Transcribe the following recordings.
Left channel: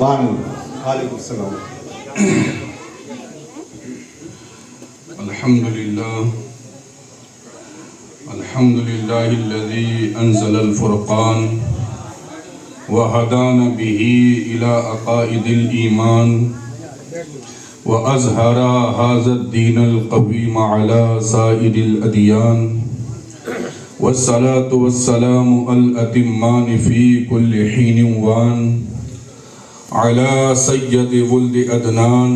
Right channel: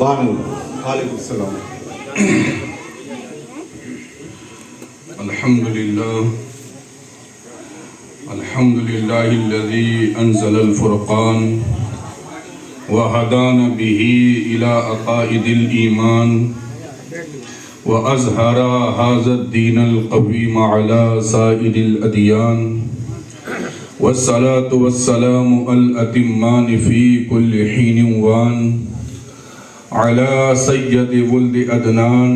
سبحان اللہ. وعلیکم السلام. الحمد لله الذي أنزل الفرقان وهدانا به إلى عقائد الإيمان وأظهر هذا الدين القويم على سائر الأديان والصلاة والسلام الأتمان في كل حين وان على سيد ولد أدنان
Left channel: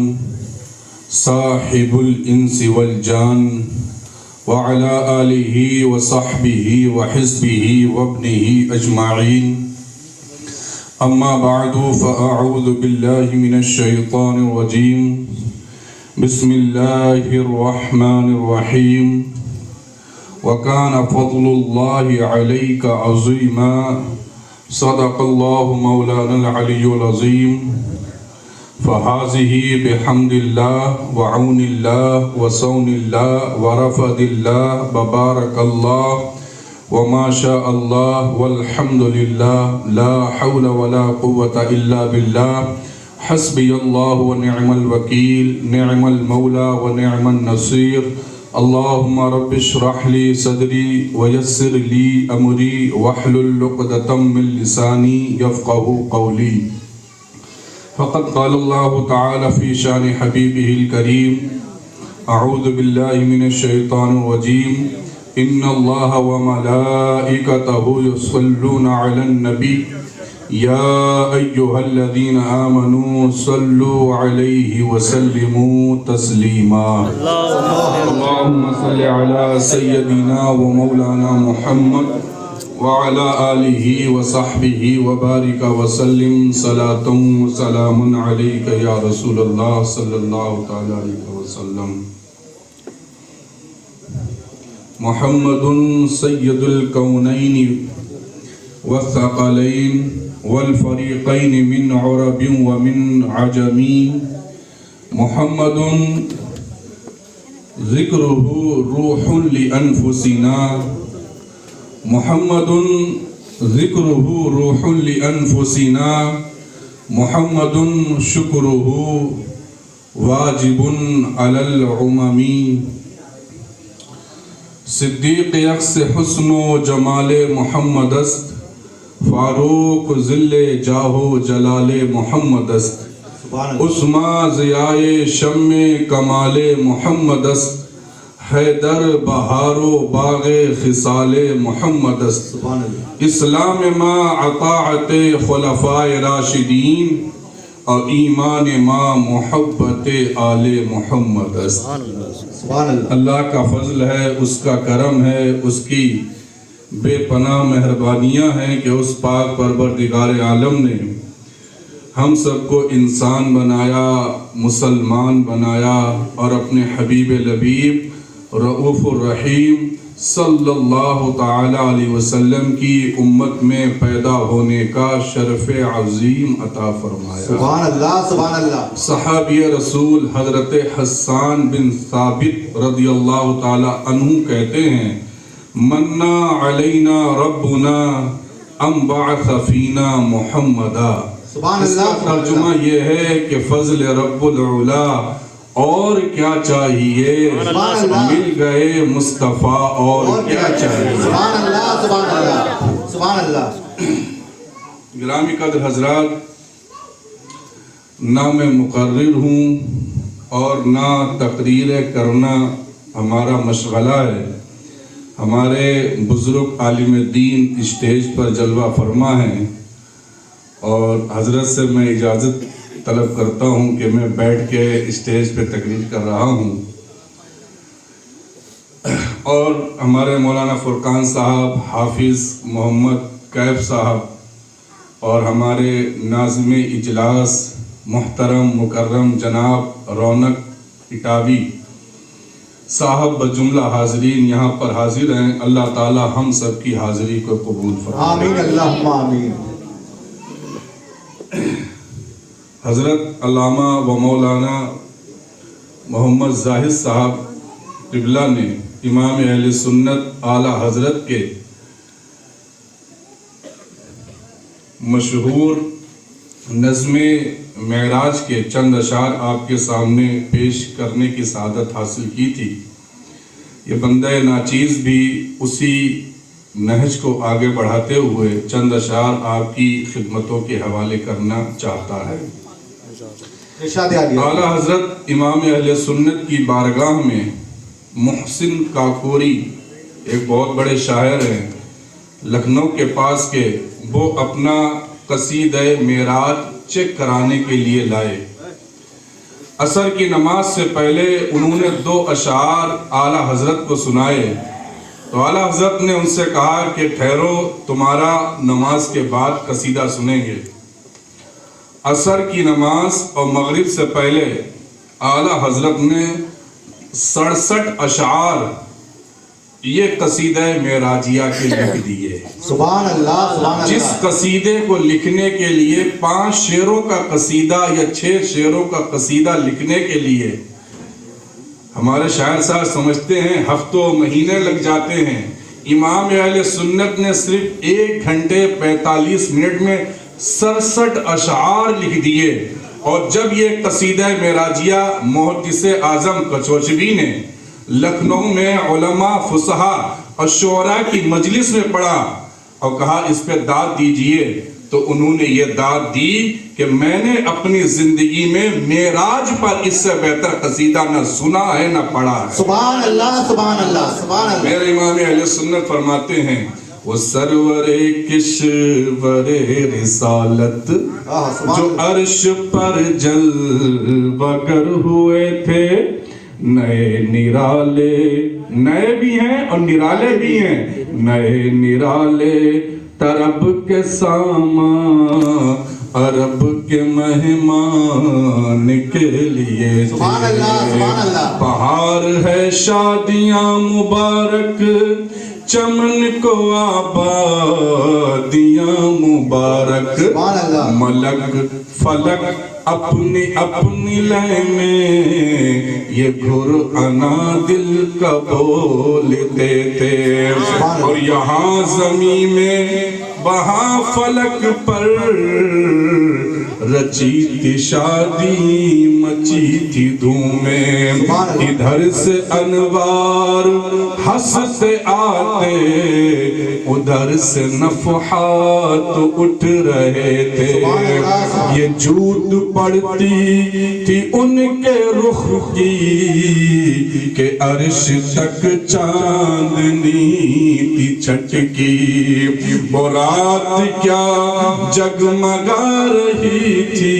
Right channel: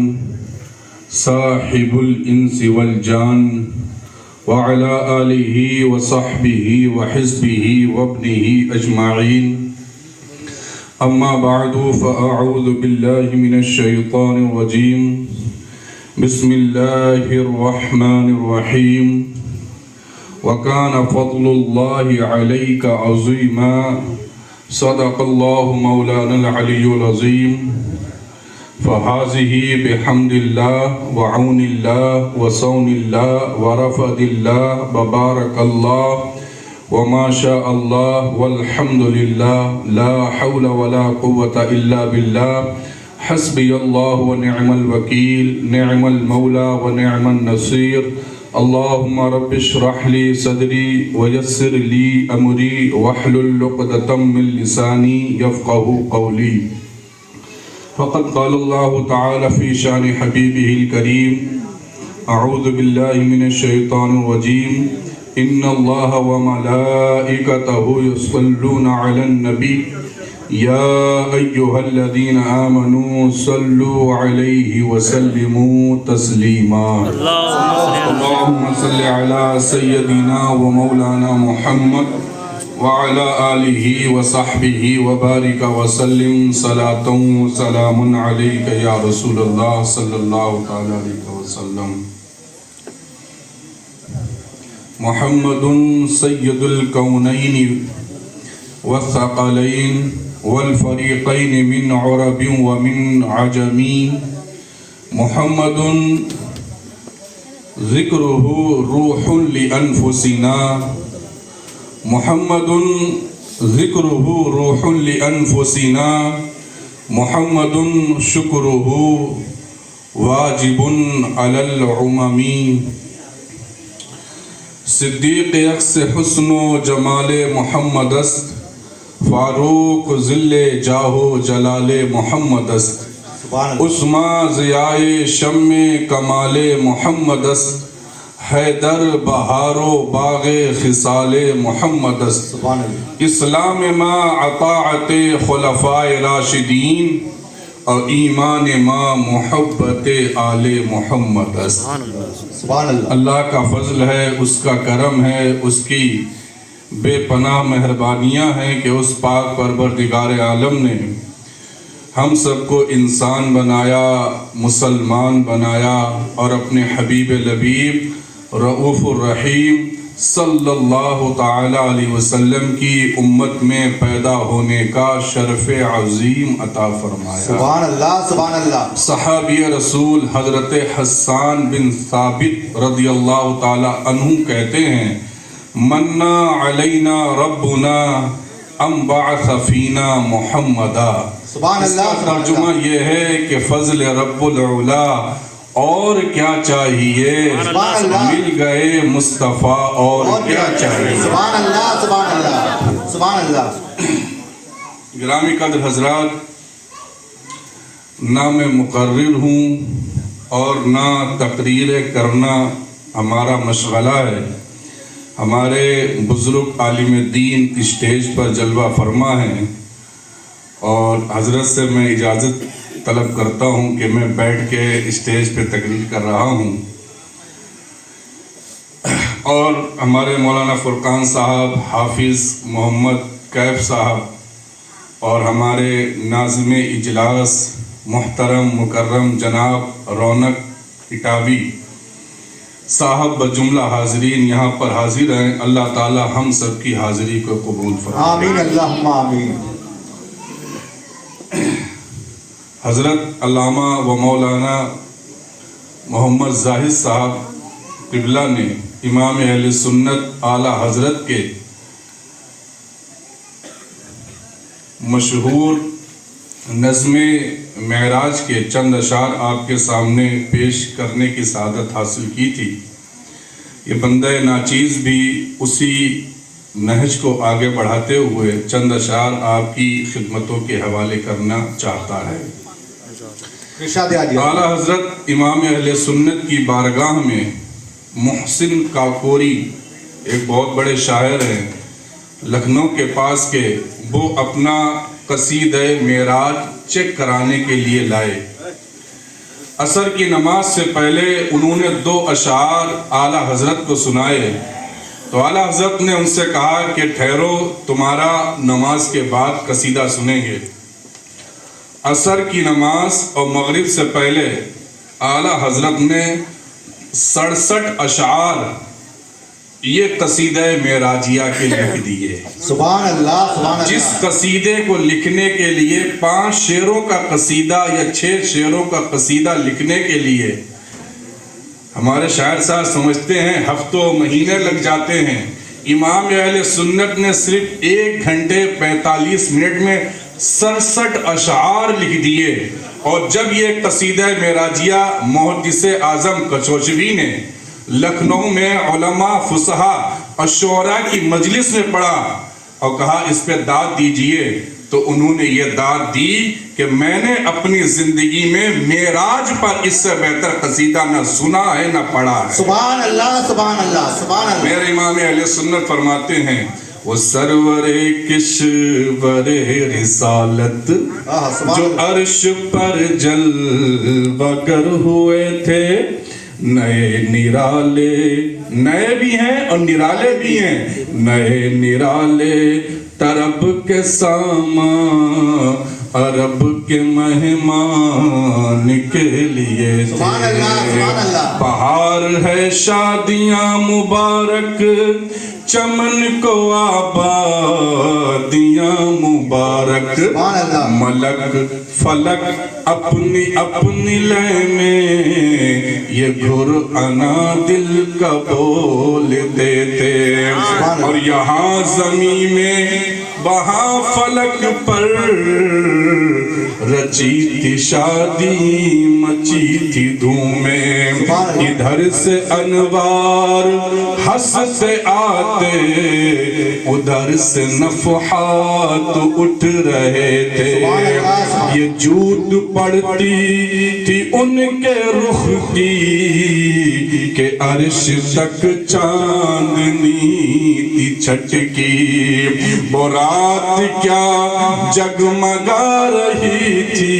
صاحب الإنس والجان وعلى آله وصحبه وحزبه وابنه أجمعين. أما بعد فأعوذ بالله من الشيطان الرجيم. بسم الله الرحمن الرحيم. وكان فضل الله عليك عظيما. صدق الله مولانا العلي العظيم. فهذه بحمد الله وعون الله وصون الله ورفض الله وبارك الله وما شاء الله والحمد لله لا حول ولا قوة إلا بالله. حسبي الله ونعم الوكيل نعم المولى ونعم النصير. اللهم رب اشرح لي صدري ويسر لي أمري واحلل عقدة من لساني يفقهوا قولي. فقد قال الله تعالى في شان حبيبه الكريم. أعوذ بالله من الشيطان الرجيم. إن الله وملائكته يصلون على النبي يا أيها الذين آمنوا صلوا عليه وسلموا تسليما. اللهم صل على سيدنا ومولانا محمد وعلى آله وصحبه وبارك وسلم صلاة وسلام عليك يا رسول الله صلى الله تعالى عليه وسلم. محمد سيد الكونين والثقلين والفريقين من عرب ومن عجم. محمد ذكره روح لأنفسنا. محمد ذكره روح لأنفسنا. محمد شكره واجب على العمم. صدیق یکس حسن و جمال محمد است. فاروق ذل جاہ و جلال محمد است. عثمان ضیاء شم کمال محمد است. حیدر بہار و باغ خصال محمد است. اسلام ما اطاعت خلفاء راشدین اور ایمان ما محبت آل محمد است. اللہ کا فضل ہے، اس کا کرم ہے، اس کی بے پناہ مہربانیاں ہیں کہ اس پاک پروردگار عالم نے ہم سب کو انسان بنایا، مسلمان بنایا اور اپنے حبیب لبیب رؤوف الرحیم صلی اللہ تعالی علیہ وسلم کی امت میں پیدا ہونے کا شرف عظیم عطا فرمایا. سبحان اللہ سبحان اللہ. صحابی رسول حضرت حسان بن ثابت رضی اللہ تعالی عنہ کہتے ہیں منا علینا ربنا ام بعث فینا محمدا. سبحان اس کا اللہ. ترجمہ یہ ہے کہ فضل رب العلا اور کیا چاہیے، مل گئے مصطفیٰ اور کیا چاہیے. سبحان اللہ سبحان اللہ سبحان اللہ. گرامی قدر حضرات، نہ میں مقرر ہوں اور نہ تقریر کرنا ہمارا مشغلہ ہے. ہمارے بزرگ عالم دین اسٹیج پر جلوہ فرما ہیں اور حضرت سے میں اجازت طلب کرتا ہوں کہ میں بیٹھ کے اسٹیج پہ تقریر کر رہا ہوں. اور ہمارے مولانا فرقان صاحب، حافظ محمد کیف صاحب اور ہمارے ناظم اجلاس محترم مکرم جناب رونق اٹاوی صاحب بجملہ حاضرین یہاں پر حاضر ہیں. اللہ تعالی ہم سب کی حاضری کو قبول فرمائے. آمین اللہم آمین. حضرت علامہ و مولانا محمد زاہد صاحب قبلہ نے امام اہل سنت اعلیٰ حضرت کے مشہور نظم معراج کے چند اشعار آپ کے سامنے پیش کرنے کی سعادت حاصل کی تھی. یہ بندہ ناچیز بھی اسی نہج کو آگے بڑھاتے ہوئے چند اشعار آپ کی خدمتوں کے حوالے کرنا چاہتا ہے. ارشاد عالیہ. اعلیٰ حضرت امام اہل سنت کی بارگاہ میں محسن کاکوری ایک بہت بڑے شاعر ہیں لکھنؤ کے پاس کے، وہ اپنا قصیدہ معراج چیک کرانے کے لیے لائے. عصر کی نماز سے پہلے انہوں نے 2 اشعار اعلیٰ حضرت کو سنائے تو اعلیٰ حضرت نے ان سے کہا کہ ٹھہرو، تمہارا نماز کے بعد قصیدہ سنیں گے. عصر کی نماز اور مغرب سے پہلے اعلیٰ حضرت نے 67 اشعار یہ قصیدہ معراجیہ کے لکھ دیے. سبحان اللہ سبحان اللہ. جس قصیدے کو لکھنے کے لیے 5 شعروں کا قصیدہ یا 6 شعروں کا قصیدہ لکھنے کے لیے ہمارے شاعر صاحب سمجھتے ہیں ہفتوں مہینے لگ جاتے ہیں، امام اہل سنت نے صرف 1 گھنٹے 45 منٹ میں 67 اشعار لکھ دیے. اور جب یہ قصیدہ معراجیہ محدث اعظم کچوچوی نے لکھنؤ میں علماء فصحاء اور شعراء کی مجلس میں پڑھا اور کہا اس پہ داد دیجئے، تو انہوں نے یہ داد دی کہ میں نے اپنی زندگی میں معراج پر اس سے بہتر قصیدہ نہ سنا ہے نہ پڑھا ہے. سبحان اللہ سبحان اللہ سبحان اللہ. میرے امام اہل سنت فرماتے ہیں وہ سرور کشور رسالت جو عرش پر جلوہ گر ہوئے تھے، نئے نرالے، نئے بھی ہیں اور نرالے بھی ہیں، نئے نرالے طرب کے سامان عرب کے مہمان کے لیے. سبحان اللہ سبحان اللہ. بہار ہے شادیاں مبارک، چمن کو آبادیاں مبارک، ملک فلک اپنی اپنی لے میں یہ گھر انا دل کا بول دیتے. اور یہاں زمین میں وہاں فلک پر رچی تھی شادی مچی تھی دھومیں. ادھر سے انوار ہنستے آتے، ادھر سے نفحات اٹھ رہے تھے. یہ جھوٹ پڑتی تھی ان کے رخ کی کہ عرش تک چاندنی تھی چھٹکی. وہ رات کیا جگمگا رہی تھی،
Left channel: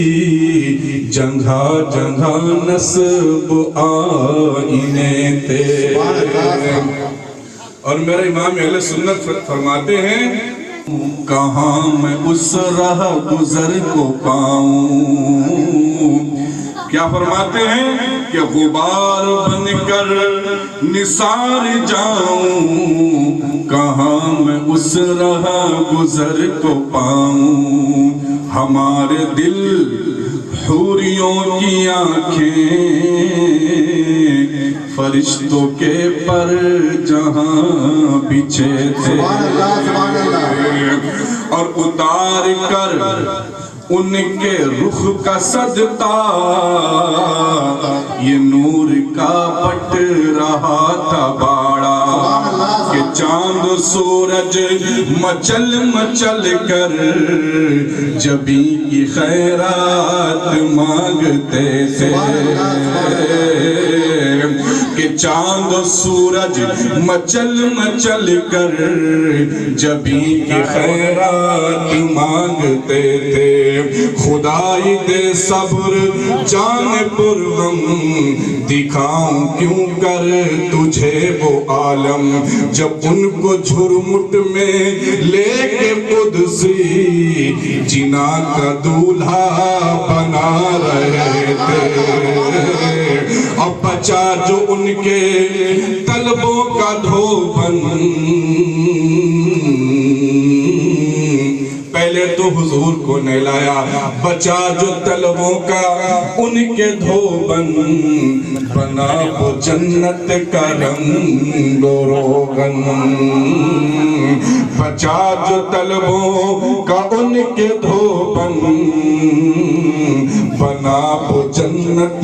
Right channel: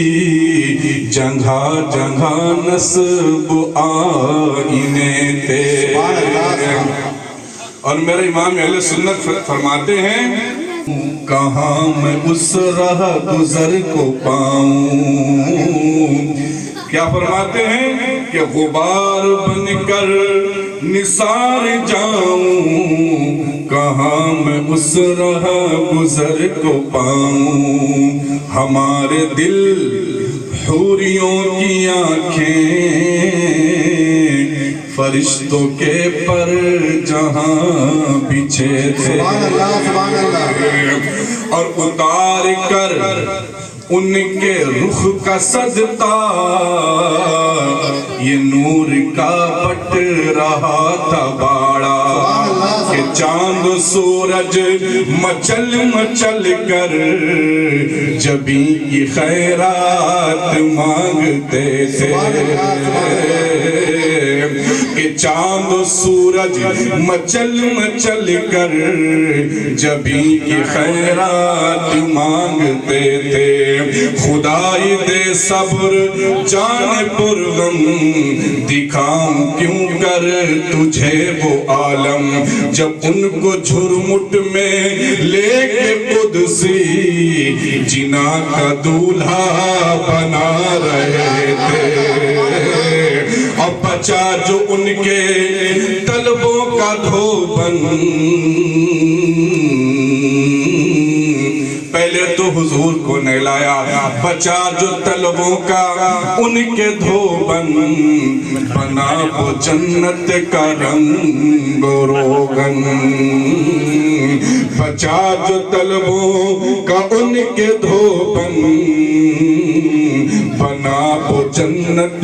جگہ جگہ نصب آئینے تھے. اور میرے امام اہل سنت فرماتے ہیں کہاں میں اس راہ گزر کو پاؤں. کیا فرماتے ہیں کہ غبار بن کر نثار جاؤں، کہاں میں اس راہ گزر کو پاؤں. ہمارے دل حوریوں کی آنکھیں فرشتوں کے پر جہاں بچھے تھے، اور اتار کر ان کے رخ کا صدقہ یہ نور کا بٹ رہا تھا باڑا. کہ چاند سورج مچل مچل کر جبی کی خیرات مانگتے تھے. کہ چاند سورج مچل مچل کر جبی کی خیرات مانگتے تھے. خدائی دے صبر جان پرغم، دکھاؤں کیوں کر تجھے وہ عالم. جب ان کو جھرمٹ میں لے کے قدسی جنا کا دولہا بنا رہے تھے، اور بچا جو ان کے طلبوں کا دھوبن. پہلے تو تو حضور کو نہلایا. بچا جو طلبوں کا ان کے دھوبن, بنا وہ جنت کا رنگ و روغن. بچا جو طلبوں کا ان کے دھوبن, بنا وہ جنت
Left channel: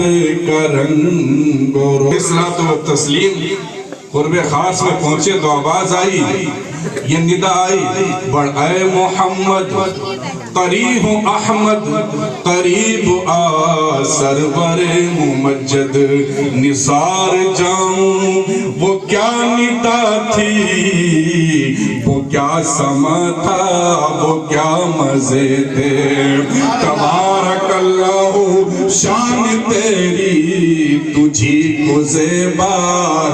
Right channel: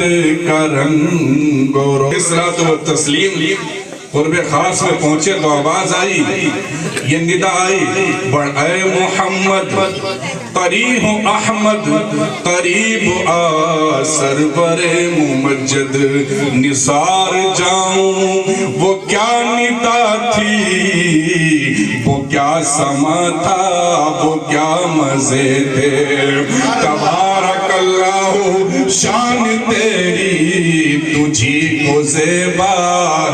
کا رنگ و روغن. صلاۃ و تسلیم قرب خاص میں پہنچے تو آواز آئی, یہ ندا آئی, بڑھ اے محمد قریب احمد, قریب آ سرور ممجد. نثار جاؤں وہ کیا ندا تھی, وہ کیا سما تھا, وہ کیا مزے تھے. تبارک اللہ شان تیری, تجھی کو زیبا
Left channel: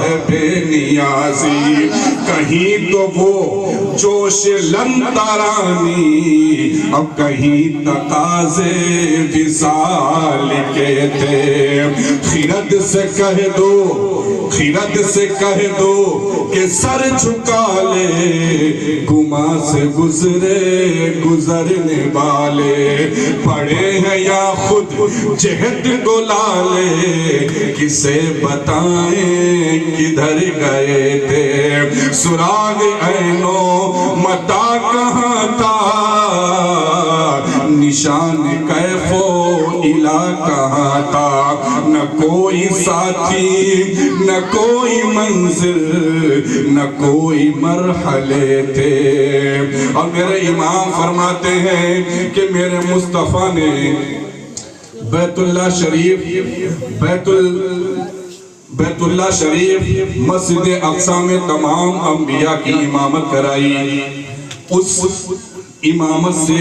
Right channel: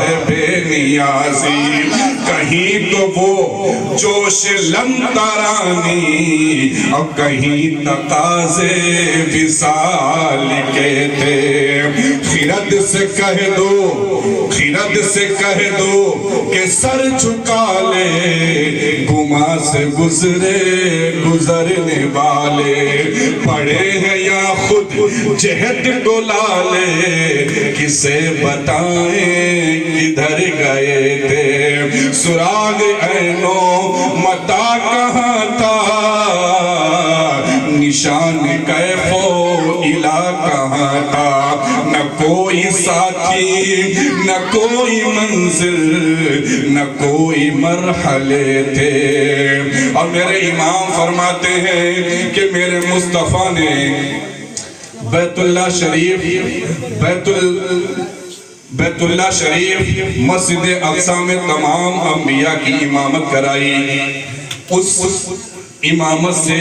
ہے بے نیازی. کہیں تو وہ جوش لم ترانی, اب کہیں تقاضے وصال کے تھے. خرد سے کہہ دو, خرد سے کہہ دو کہ سر جھکا لے, گما سے گزرے گزرنے والے. پڑے ہیں یا خود جہد ڈولا لے, کسے بتائیں کدھر گئے تھے. سراغ عینو متا کہاں تھا, نشان کیف و الا کہاں تھا. نہ کوئی ساتھی, نہ کوئی منزل, نہ کوئی مرحلے تھے. اور میرے امام فرماتے ہیں کہ میرے مصطفیٰ نے بیت اللہ شریف, بیت اللہ شریف, مسجد اقصی میں تمام انبیاء کی امامت کرائی. اس امامت سے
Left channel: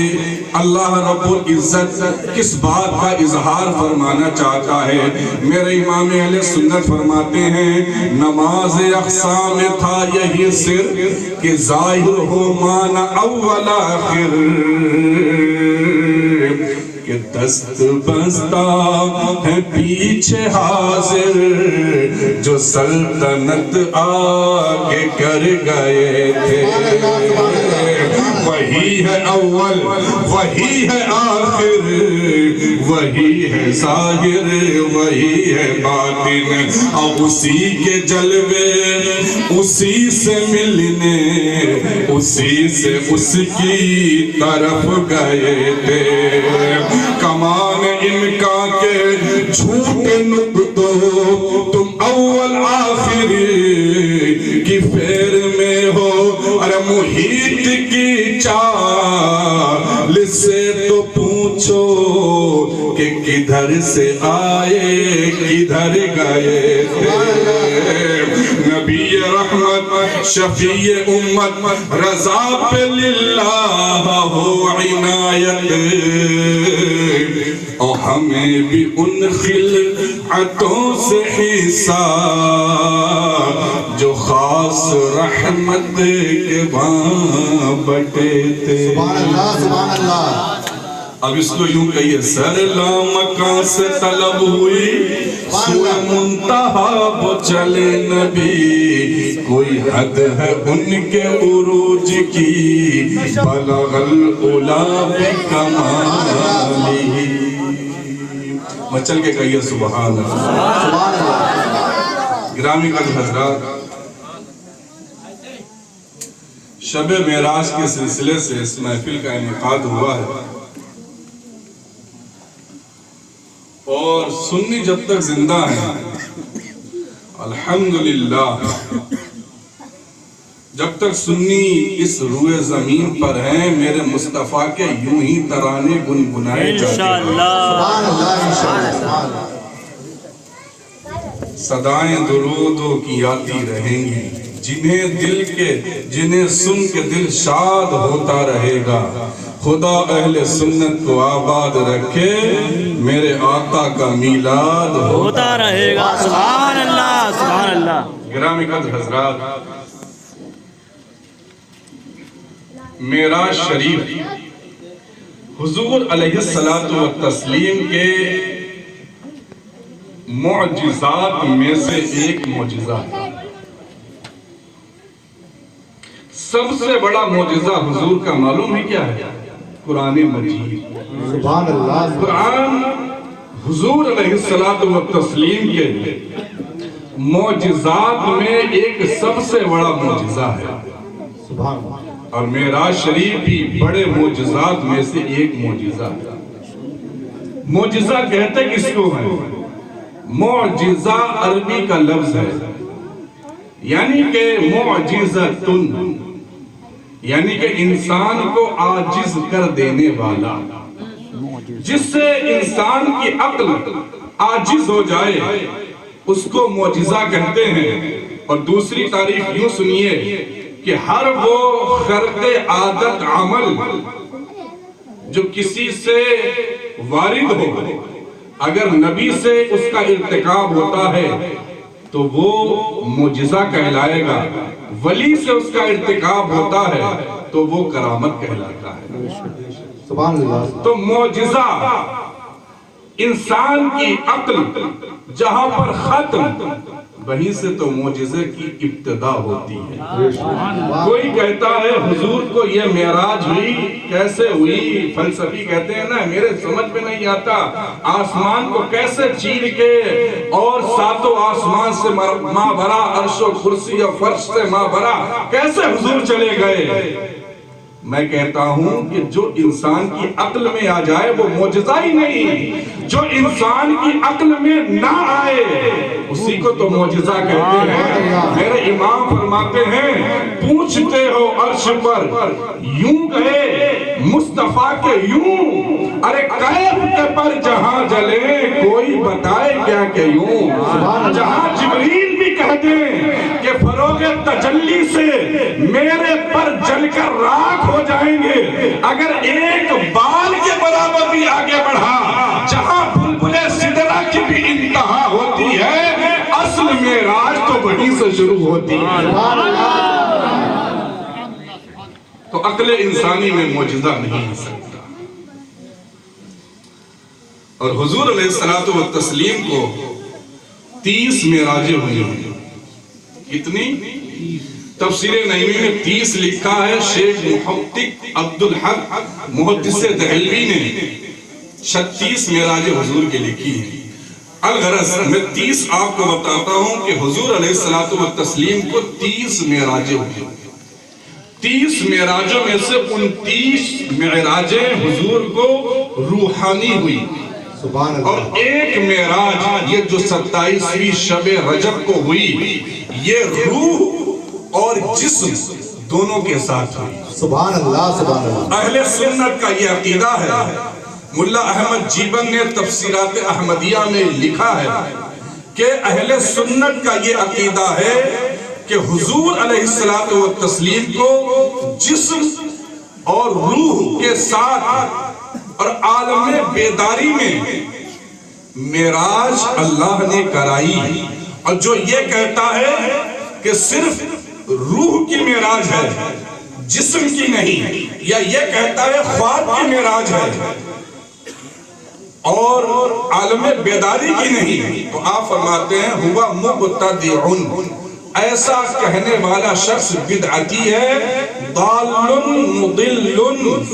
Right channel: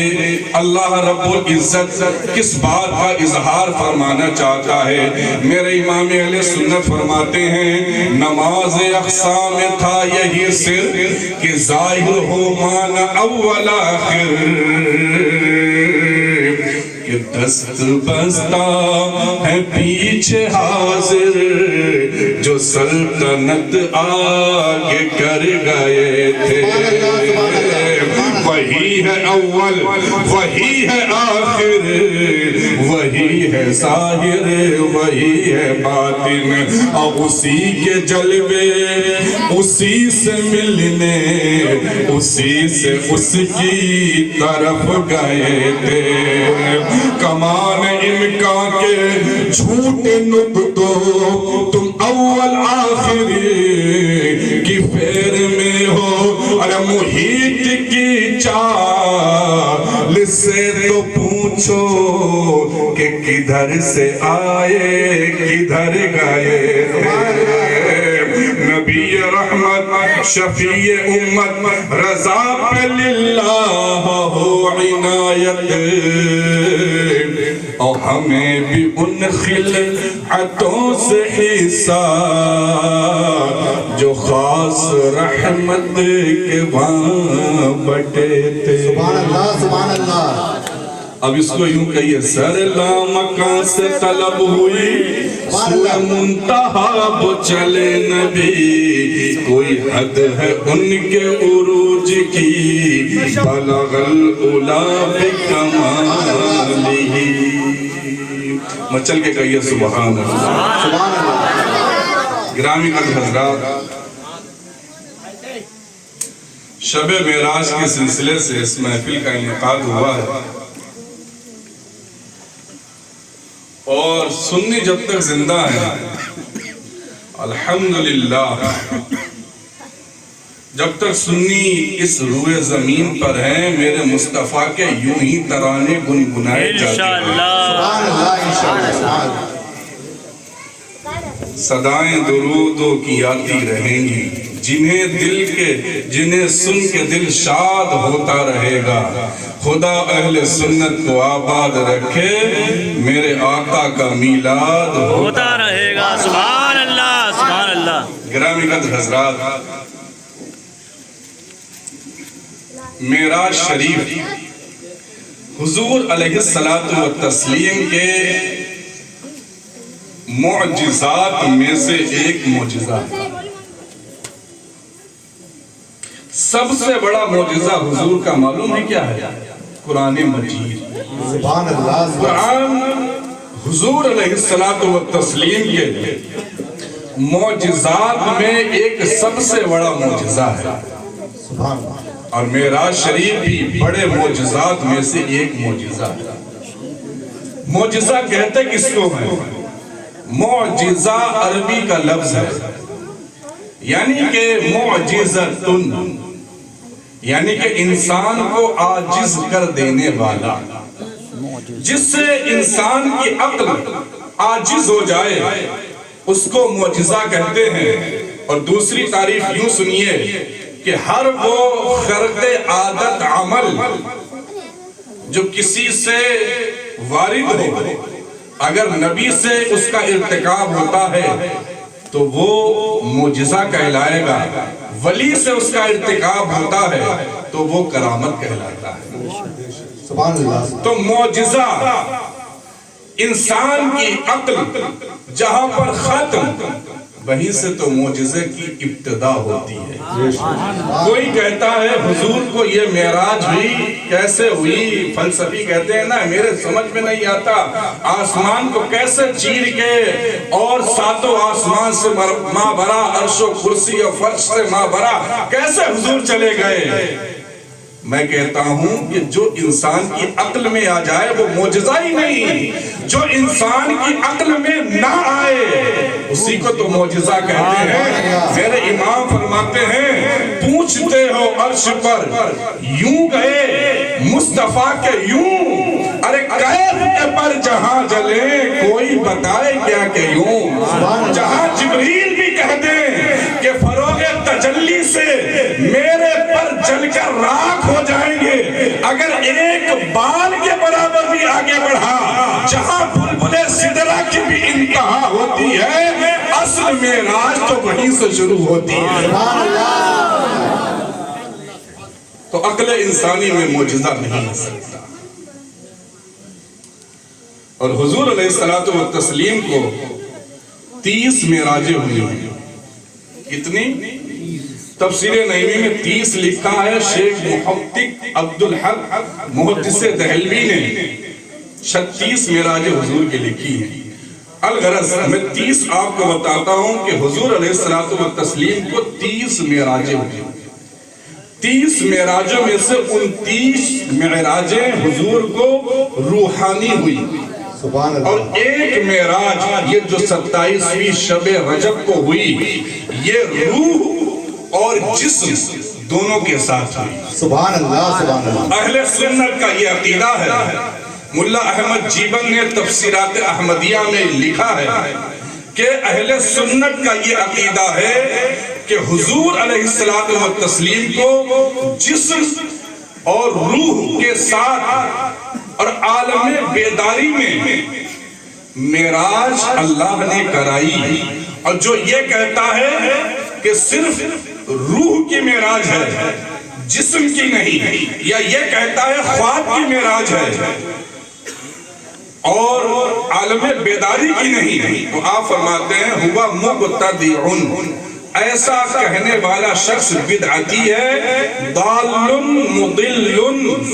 اللہ رب العزت کس بات کا اظہار فرمانا چاہتا ہے. میرے امام اہل سنت فرماتے ہیں نماز اقصی میں تھا یہی سر, کہ ظاہر ہو معنی اول آخر, کہ دست بستہ ہے پیچھے حاضر, جو سلطنت آگے کر گئے تھے. وہی ہے اول, وہی ہے آخر, وہی ہے ظاہر, وہی ہے باطن. اور اسی کے جلوے, اسی سے ملنے, اسی سے اس کی طرف گئے تھے. کمان امکان کے جھوٹے نکتوں تم اول آخر کی پھیر میں ہو. ارے محیط کی چال سے تو پوچھو کہ کدھر سے آئے کدھر گئے تھے. نبی رحمت شفیع امت رضا پہ للہ ہو عنایت, اور ہمیں بھی ان خلعتوں سے حصہ جو خاص رحمت کے وہاں بٹے تھے. سبحان اللہ, سبحان اللہ. اب اس کو یوں کہیے, سر لامکان سے طلب ہوئی, سوئے منتہا وہ چلے نبی. کوئی حد ہے ان کے عروج کی, بلغ العلا بکمالہ. مچل کے کہیے سبحان اللہ, سبحان اللہ. گرامی حضرات, شب معراج کے سلسلے سے اس محفل کا انعقاد ہوا ہے, اور سنی جب تک زندہ ہیں الحمدللہ, جب تک سنی اس روئے زمین پر ہیں, میرے مصطفیٰ کے یوں ہی ترانے گنگنائے جاتے ہیں. سبحان اللہ, انشاءاللہ. صدائیں درودوں کی آتی رہیں گی, جنہیں سن کے دل شاد ہوتا رہے گا. خدا اہل سنت کو آباد رکھے, میرے آقا کا میلاد ہوتا رہے گا. سبحان اللہ, سبحان اللہ. گرامی قدر حضرات, معراج شریف حضور علیہ الصلوۃ والتسلیم کے معجزات میں سے ایک معجزہ ہے. سب سے بڑا معجزہ حضور کا معلوم ہے کیا ہے؟ قرآن مجید. سبحان اللہ. قرآن حضور علیہ الصلوۃ والتسلیم کے معجزات میں ایک سب سے بڑا معجزہ ہے. سبحان اللہ. اور معراج شریف بھی بڑے معجزات میں سے ایک معجزہ ہے. معجزہ کہتے کس کو ہے؟ معجزہ عربی کا لفظ ہے، یعنی کہ معجزتن، یعنی کہ انسان کو عاجز کر دینے والا، جس سے انسان کی عقل عاجز ہو جائے اس کو معجزہ کہتے ہیں. اور دوسری تعریف یوں سنیے کہ ہر وہ خرق عادت عمل جو کسی سے وارد ہو، اگر نبی سے اس کا ارتکاب ہوتا ہے تو وہ معجزہ کہلائے گا، ولی سے اس کا ارتکاب ہوتا ہے تو وہ کرامت کہلاتا ہے. سبحان اللہ. تو معجزہ انسان کی عقل جہاں پر ختم، وہیں سے تو معجزے کی ابتدا ہوتی ہے. کوئی کہتا ہے حضور کو یہ معراج ہوئی کیسے ہوئی؟ فلسفی کہتے ہیں نا میرے سمجھ میں نہیں آتا، آسمان کو کیسے چیر کے اور ساتوں آسمان سے ماں بھرا، عرش و کرسی اور فرش سے ماں بھرا، کیسے حضور چلے گئے؟ میں کہتا ہوں کہ جو انسان کی عقل میں آ جائے وہ معجزہ ہی نہیں، جو انسان کی عقل میں نہ آئے اسی کو تو معجزہ کہتے ہیں. میرے امام فرماتے ہیں پوچھتے ہو عرش پر یوں گئے مصطفیٰ کے یوں، ارے کیف کے پر جہاں جلے کوئی بتائے کیا کہ یوں. جہاں جبریل بھی کہتے ہیں کہ فروغ تجلی سے میرے پر جل کر راکھ ہو جائیں گے، اگر ایک بال کے برابر بھی آگے بڑھا، جہاں بلبلے سدرہ کی بھی انتہا ہوتی ہے، اصل معراج تو وہیں سے شروع ہوتی ہے. تو عقل انسانی میں معجزہ نہیں ہو سکتا. اور حضور علیہ الصلوۃ والتسلیم کو 30 معراجیں ہوئی ہیں. کتنی؟ تفسیر نعیمی میں 30 لکھا ہے. شیخ محقق عبدالحق محدث دہلوی نے 36 معراجیں حضور کے لکھی ہیں. الغرض میں 30 آپ کو بتاتا ہوں کہ حضور علیہ الصلوۃ والتسلیم کو 30 معراجیں ہوئی. 30 معراجوں میں سے 29 معراجیں حضور کو روحانی ہوئی، اور ایک معراج یہ جو 27ویں شب رجب کو ہوئی یہ روح اور جسم دونوں کے ساتھ ہوئی. سبحان اللہ. سبحان اللہ. اہل سنت کا یہ عقیدہ ہے. ملا احمد جیبن نے تفسیرات احمدیہ میں لکھا ہے کہ اہل سنت کا یہ عقیدہ ہے کہ حضور علیہ الصلوۃ والتسلیم کو جسم اور روح کے ساتھ اور عالم بیداری میں معراج اللہ نے کرائی. اور جو یہ کہتا ہے کہ صرف روح کی معراج ہے جسم کی نہیں، یا یہ کہتا ہے خواب کی معراج ہے اور عالم بیداری کی نہیں، تو آپ فرماتے ہیں ہوا مبتدع، ایسا کہنے والا شخص بدعتی ہے، ضال مضل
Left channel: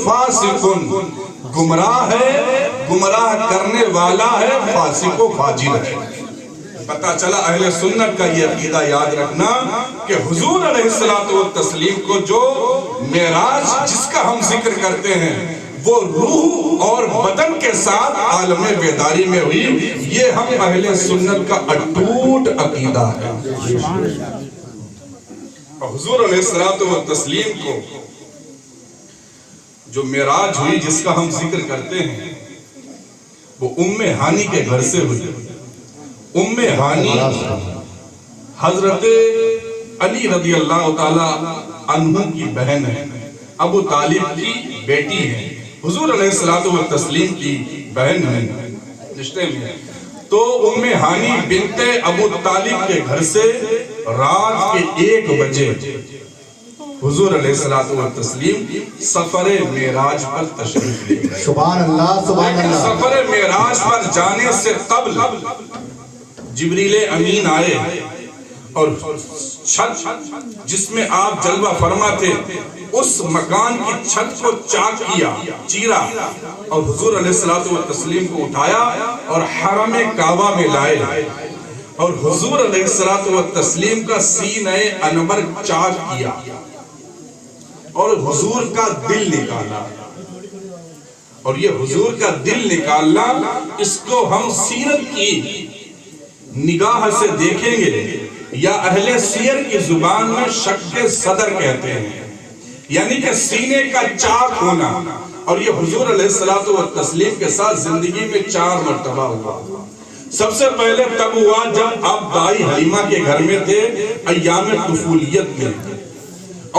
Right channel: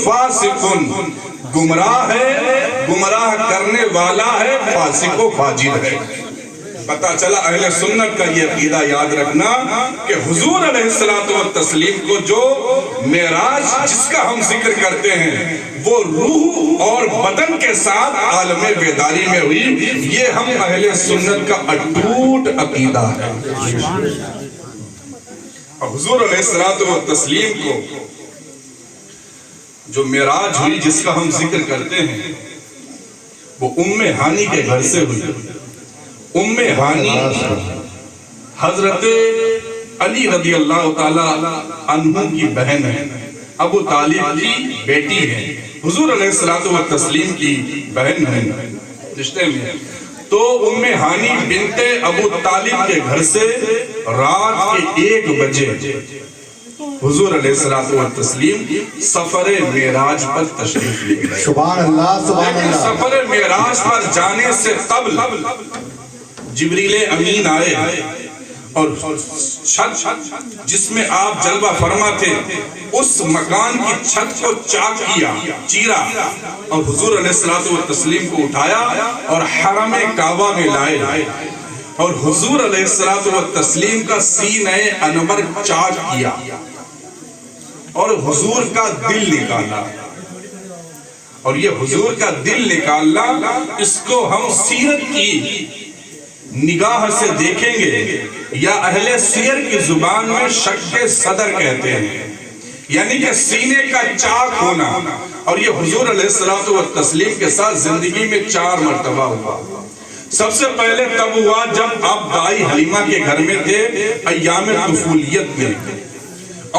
فاسق، گمراہ ہے، گمراہ کرنے والا ہے، فاسق و فاجر ہے. پتا چلا اہل سنت کا یہ عقیدہ یاد رکھنا کہ حضور علیہ الصلوۃ والتسلیم کو جو معراج جس کا ہم ذکر کرتے ہیں وہ روح اور بدن کے ساتھ عالم بیداری میں ہوئی. یہ ہم اہل سنت کا اٹوٹ عقیدہ ہے. حضور علیہ الصلوۃ والتسلیم کو جو معراج ہوئی جس کا ہم ذکر کرتے ہیں وہ ہانی کے گھر سے ہوئی. ہانی حضرت علی رضی اللہ تعالی عنہ کی بہن ہے، ابو طالب کی بیٹی ہے، حضور علیہ الصلوۃ والتسلیم کی بہن ہے رشتے میں. تو ہانی بنت ابو طالب کے گھر سے رات کے 1 بجے حضور علیہ الصلوۃ والتسلیم سفر معراج پر تشریف لے گئے. سبحان اللہ. سبحان لیکن اللہ. سفر معراج پر جانے سے قبل جبریل امین آئے اور چھت جس میں آپ جلوہ فرما تھے اس مکان کی چھت کو چاک کیا، چیرا، اور حضور علیہ الصلوۃ والتسلیم کو اٹھایا اور حرم کعبہ میں لائے اور حضور علیہ الصلوۃ والتسلیم کا سینہ انور چاک کیا اور حضور کا دل نکالا. اور یہ حضور کا دل نکالنا، اس کو ہم سیرت کی نگاہ سے دیکھیں گے یا اہل سیر کی زبان میں شق صدر کہتے ہیں، یعنی کہ سینے کا چاک ہونا. اور یہ حضور علیہ الصلوۃ والتسلیم کے ساتھ زندگی میں 4 مرتبہ ہوا. سب سے پہلے تب ہوا جب آپ دائی حلیمہ کے گھر میں تھے ایام طفولیت میں،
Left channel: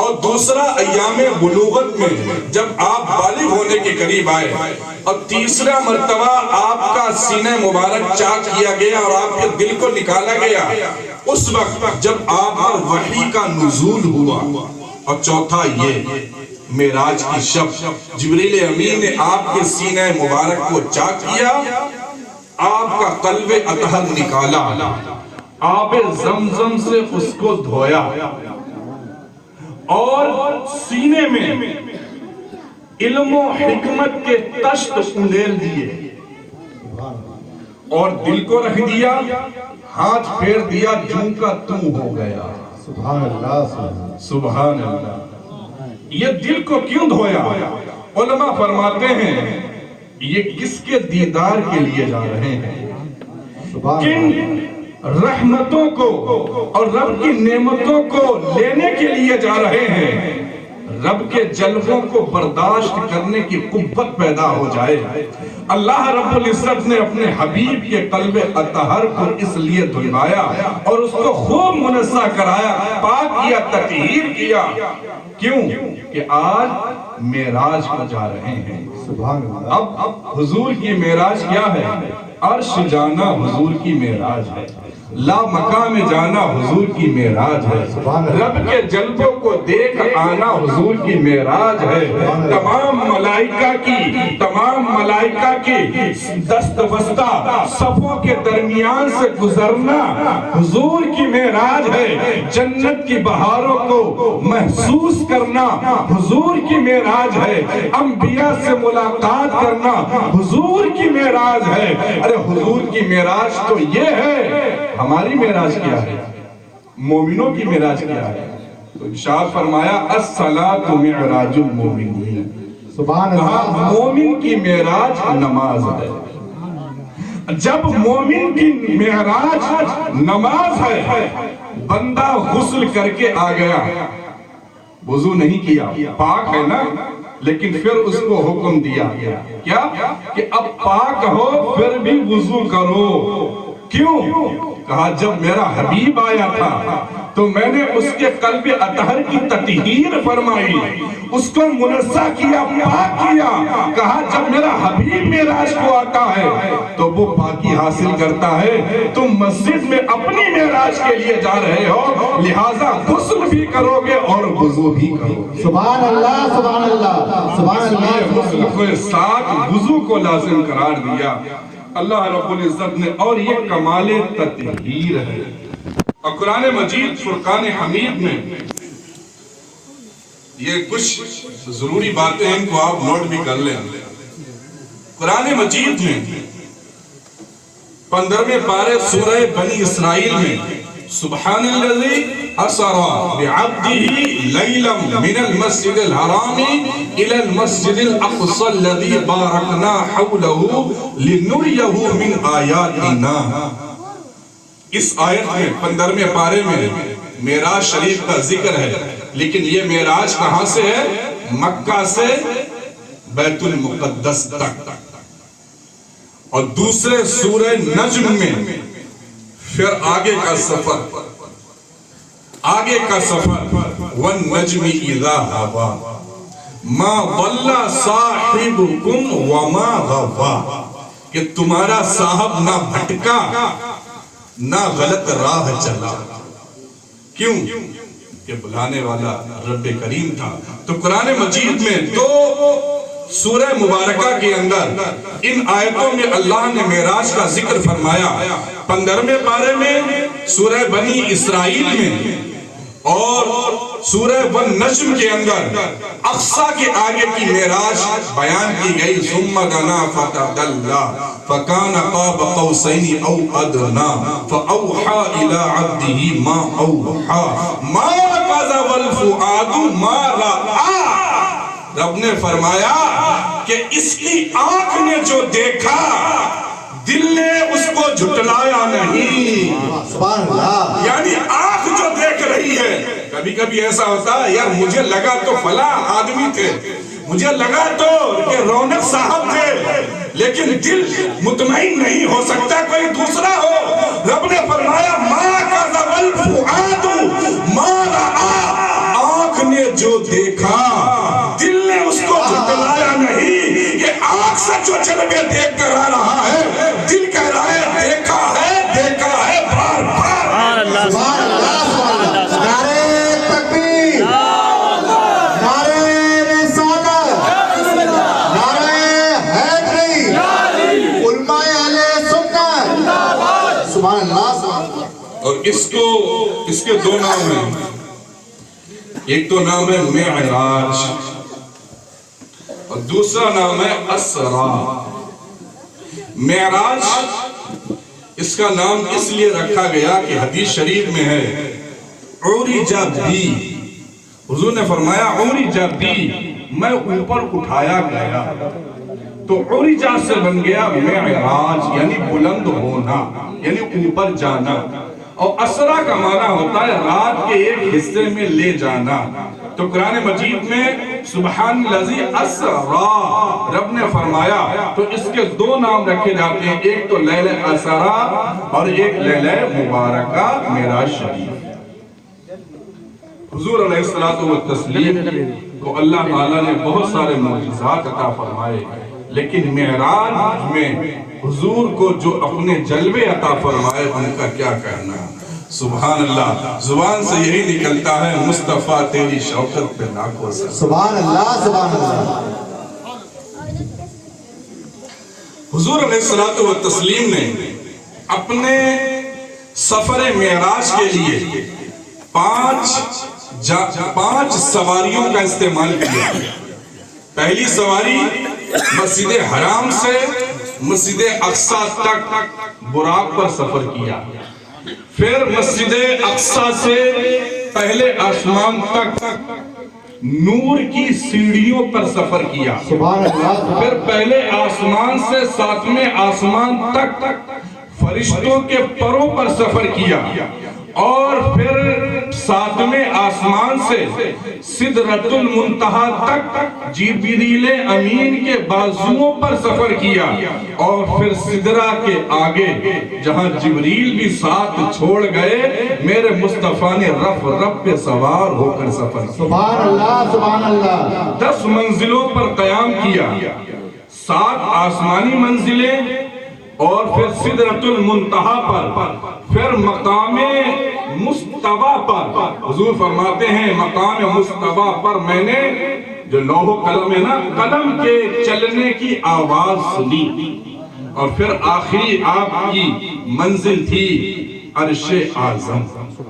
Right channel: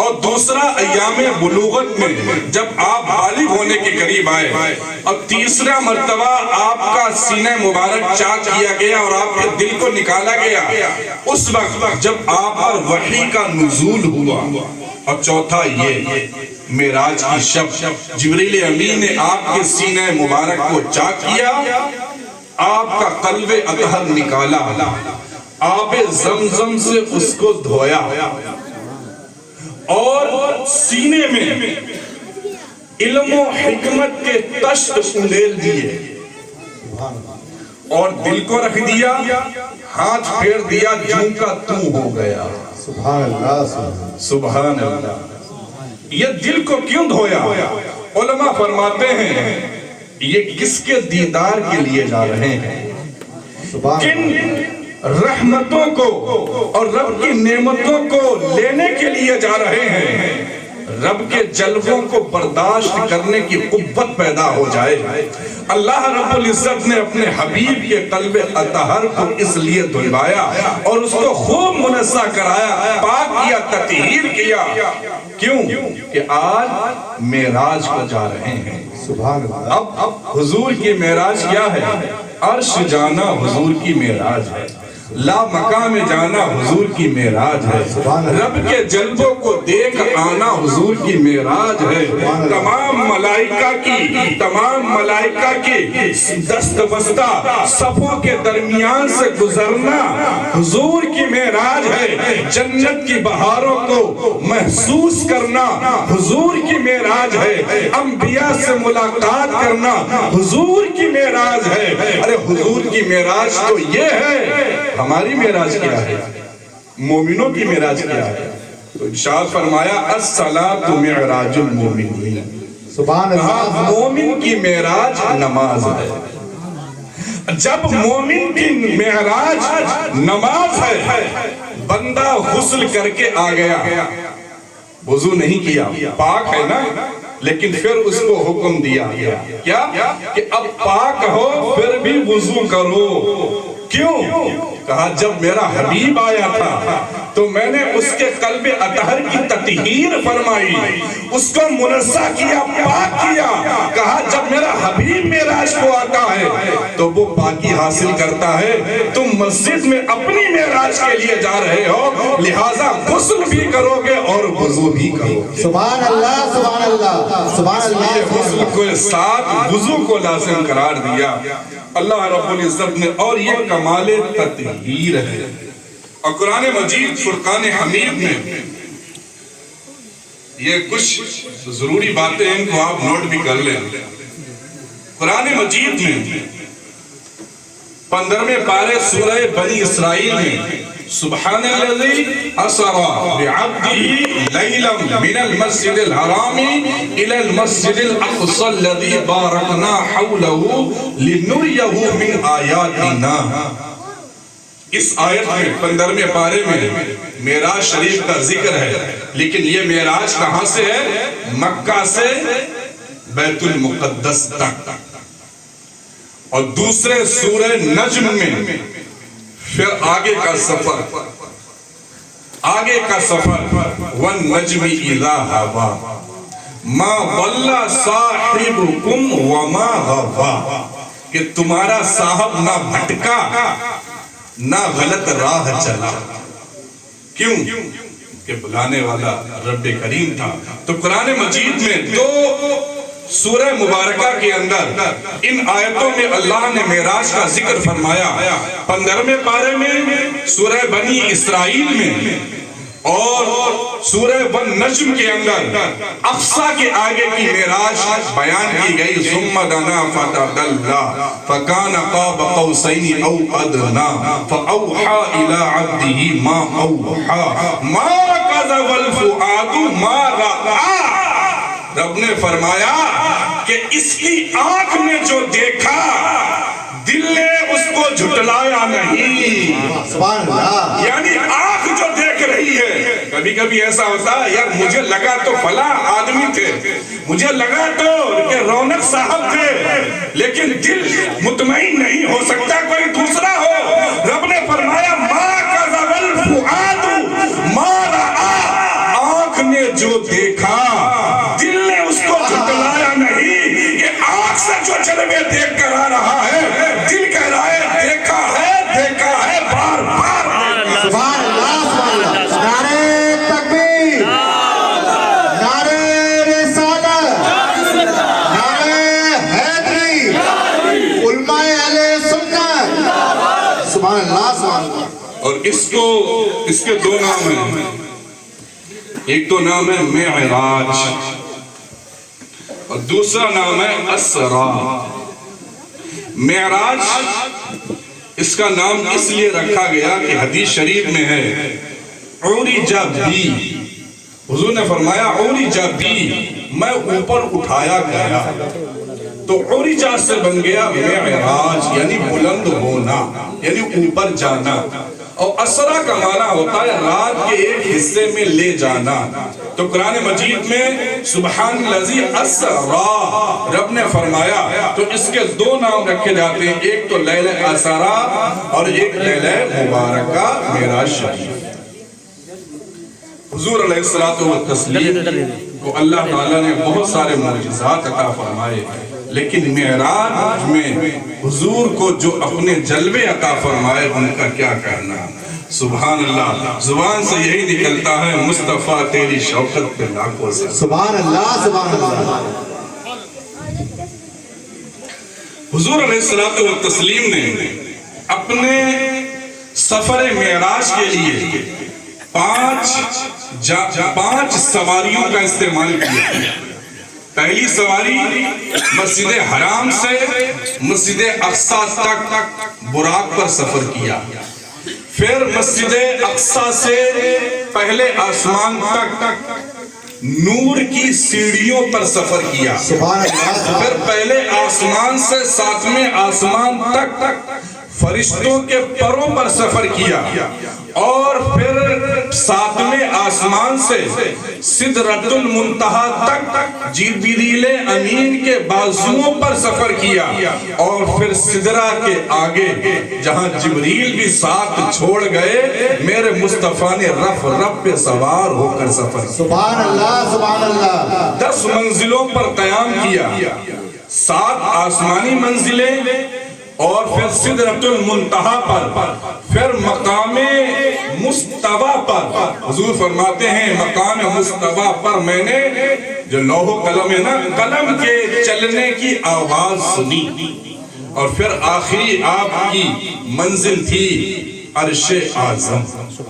اور دوسرا ایام بلوغت میں جب آپ بالغ ہونے کے قریب آئے، اور تیسرا مرتبہ آپ کا سینہ مبارک چاک کیا گیا اور آپ کے دل کو نکالا گیا اس وقت جب آپ پر وحی کا نزول ہوا. اور چوتھا یہ معراج کی شب جبریل امین نے آپ کے سینہ مبارک کو چاک کیا، آپ کا قلب اطہر نکالا، آب زمزم سے اس کو دھویا اور سینے میں علم و حکمت کے تشت انڈیل دیے اور دل کو رکھ دیا، ہاتھ پھیر دیا، جوں کا توں ہو گیا. سبحان اللہ سبحان اللہ. یہ دل کو کیوں دھویا؟ علماء فرماتے ہیں یہ کس کے دیدار کے لیے جا رہے ہیں؟ کن رحمتوں کو اور رب کی نعمتوں کو لینے کے لیے جا رہے ہیں؟ رب کے جلووں کو برداشت کرنے کی قوت پیدا ہو جائے. اللہ رب العزت نے اپنے حبیب کے قلب اطہر کو اس لیے دھلوایا اور اس کو خوب منزہ کرایا، پاک کیا، تطہیر کیا. کیوں؟ کہ آج معراج کو جا رہے ہیں. سبحان اللہ. اب حضور کی معراج کیا ہے؟ عرش جانا حضور کی معراج ہے، لا مقام جانا حضور کی معراج ہے، رب کے جلووں کو دیکھ آنا حضور کی معراج ہے. تمام ملائکہ کی دست بستہ صفوں کے درمیان سے گزرنا حضور کی معراج ہے. جنت کی بہاروں کو محسوس کرنا حضور کی معراج ہے. انبیاء سے ملاقات کرنا حضور کی معراج ہے. ارے حضور کی معراج تو یہ ہے. ہماری معراج کیا ہے؟ مومنوں کی معراج کیا ہے؟ تو ارشاد فرمایا الصلاۃ معراج المومنین. سبحان اللہ. مومن کی معراج نماز ہے. جب مومن کی معراج نماز ہے، بندہ غسل کر کے آ گیا، وضو نہیں کیا، پاک ہے نا، لیکن پھر اس کو حکم دیا کیا کہ اب پاک ہو پھر بھی وضو کرو. کیوں؟ کہا جب میرا حبیب آیا تھا تو میں نے اس کے قلب اطہر کی تطہیر فرمائی، اس کو منزہ کیا، پاک کیا. کہا جب میرا حبیب معراج کو آتا ہے تو وہ پاکی حاصل کرتا ہے. تم مسجد میں اپنی معراج کے لیے جا رہے ہو، لہٰذا غسل بھی کرو گے اور وضو بھی کرو گے. سبحان اللہ. سبحان اللہ. سبحان اللہ. یہ غسل کو ساتھ وضو کو لازم قرار دیا اللہ رب العزت نے. اور یہ کمال تطہیر ہے. اور قرآن مجید فرقان حمید میں یہ کچھ ضروری باتیں ان کو آپ نوٹ بھی کر لیں. قرآن مجید میں 15ویں پارے سورہ بنی اسرائیل میں سبحان الذی اسری بعبدہ لیلا من المسجد الحرام الى المسجد الاقصى الذی بارکنا حولہ لنریہ من آیاتنا. اس آیت میں 15ویں پارے میں معراج شریف کا ذکر ہے، لیکن یہ معراج کہاں سے ہے؟ مکہ سے بیت المقدس تک. اور دوسرے سورہ نجم میں پھر آگے کا سفر وَالنَّجْمِ إِذَا هَوَىٰ مَا ضَلَّ صَاحِبُكُمْ وَمَا غَوَىٰ کہ تمہارا صاحب نہ بھٹکا نہ غلط راہ چلا. کیوں؟ کہ بلانے والا رب کریم تھا. تو قرآن مجید میں 2 سورہ مبارکہ کے اندر ان آیتوں میں اللہ نے معراج کا ذکر فرمایا 15ویں پارے میں سورہ بنی اسرائیل میں اور سورہ والنجم کے اندر اقصی کے آگے کی معراج بیان کی گئی ثم دنا فتدلی فکان قاب قوسین او ادنا فاوحى الى عبده ما اوحى ما كذب الفؤاد ما رأى. رب نے فرمایا کہ اس کی آنکھ نے جو دیکھا دل نے اس کو جھٹلایا نہیں. سبحان اللہ. یعنی آنکھ جو دیکھ رہی ہے، کبھی کبھی ایسا ہوتا ہے یار مجھے لگا تو فلاں آدمی تھے، مجھے لگا تو کہ رونق صاحب تھے، لیکن دل مطمئن نہیں ہو سکتا کوئی دوسرا ہو. رب نے فرمایا ما کذب الفؤاد ما رأى. آنکھ نے جو دیکھا دل نے اس کو جھٹلایا نہیں. یہ آنکھ سے جو جلوے دیکھ کر آ رہا ہے، دل کہہ رہا ہے دیکھا ہے بار بار. سبحان اللہ. سبحان اللہ. نعرہ تکبیر، نعرہ رسالت، نعرہ حیدری، علماء اہل سنت. سبحان اللہ. سبحان اللہ. اور اس کے دو نام ہیں. ایک تو نام ہے معراج اور دوسرا نام ہے اسرا. معراج اس کا نام اس لیے رکھا گیا کہ حدیث شریف میں ہے عرج بی، حضور نے فرمایا عرج بی، میں اوپر اٹھایا گیا. تو عرج سے بن گیا معراج یعنی بلند ہونا، یعنی اوپر جانا. اور اسرا کا معنی ہوتا ہے رات کے ایک حصے میں لے جانا. تو قرآن مجید میں سبحان الذی اسرا رب نے فرمایا. تو اس کے دو نام رکھے جاتے ہیں، ایک تو لیلہ اسرا اور ایک لیلہ مبارکہ معراج شریف. حضور علیہ الصلوۃ والتسلیم کو اللہ تعالیٰ نے بہت سارے معجزات عطا فرمائے، لیکن معراج میں حضور کو جو اپنے جلوے عطا فرمائے ان کا کیا کہنا. سبحان اللہ. زبان سے یہی نکلتا ہے مصطفیٰ تیری شوکت پہ لاکھوں سے. سبحان اللہ. سبحان اللہ. حضور علیہ الصلوۃ والتسلیم نے اپنے سفر معراج کے لیے پانچ سواریوں کا استعمال کیا. پہلی سواری مسجد حرام سے مسجد اقصی تک براق پر سفر کیا. پھر مسجد اقصی سے پہلے آسمان تک نور کی سیڑھیوں پر سفر کیا. سبحان اللہ. پھر پہلے آسمان سے 7ویں آسمان تک فرشتوں کے پروں پر سفر کیا. اور پھر 7ویں آسمان سے سدرۃ المنتہا تک جبریل امین کے بازوؤں پر سفر کیا. اور پھر سدرہ کے آگے جہاں جبریل بھی ساتھ چھوڑ گئے، میرے مصطفیٰ نے رف پہ سوار ہو کر سفر. سبحان اللہ. سبحان اللہ. 10 منزلوں پر قیام کیا، 7 آسمانی منزلیں اور پھر سدرۃ المنتہا پر، پھر مقام مستوی پر. حضور فرماتے ہیں مقام مستوی پر میں نے جو لوح قلم ہے نا، قلم کے چلنے کی آواز سنی. اور پھر آخری آپ کی منزل تھی عرش اعظم.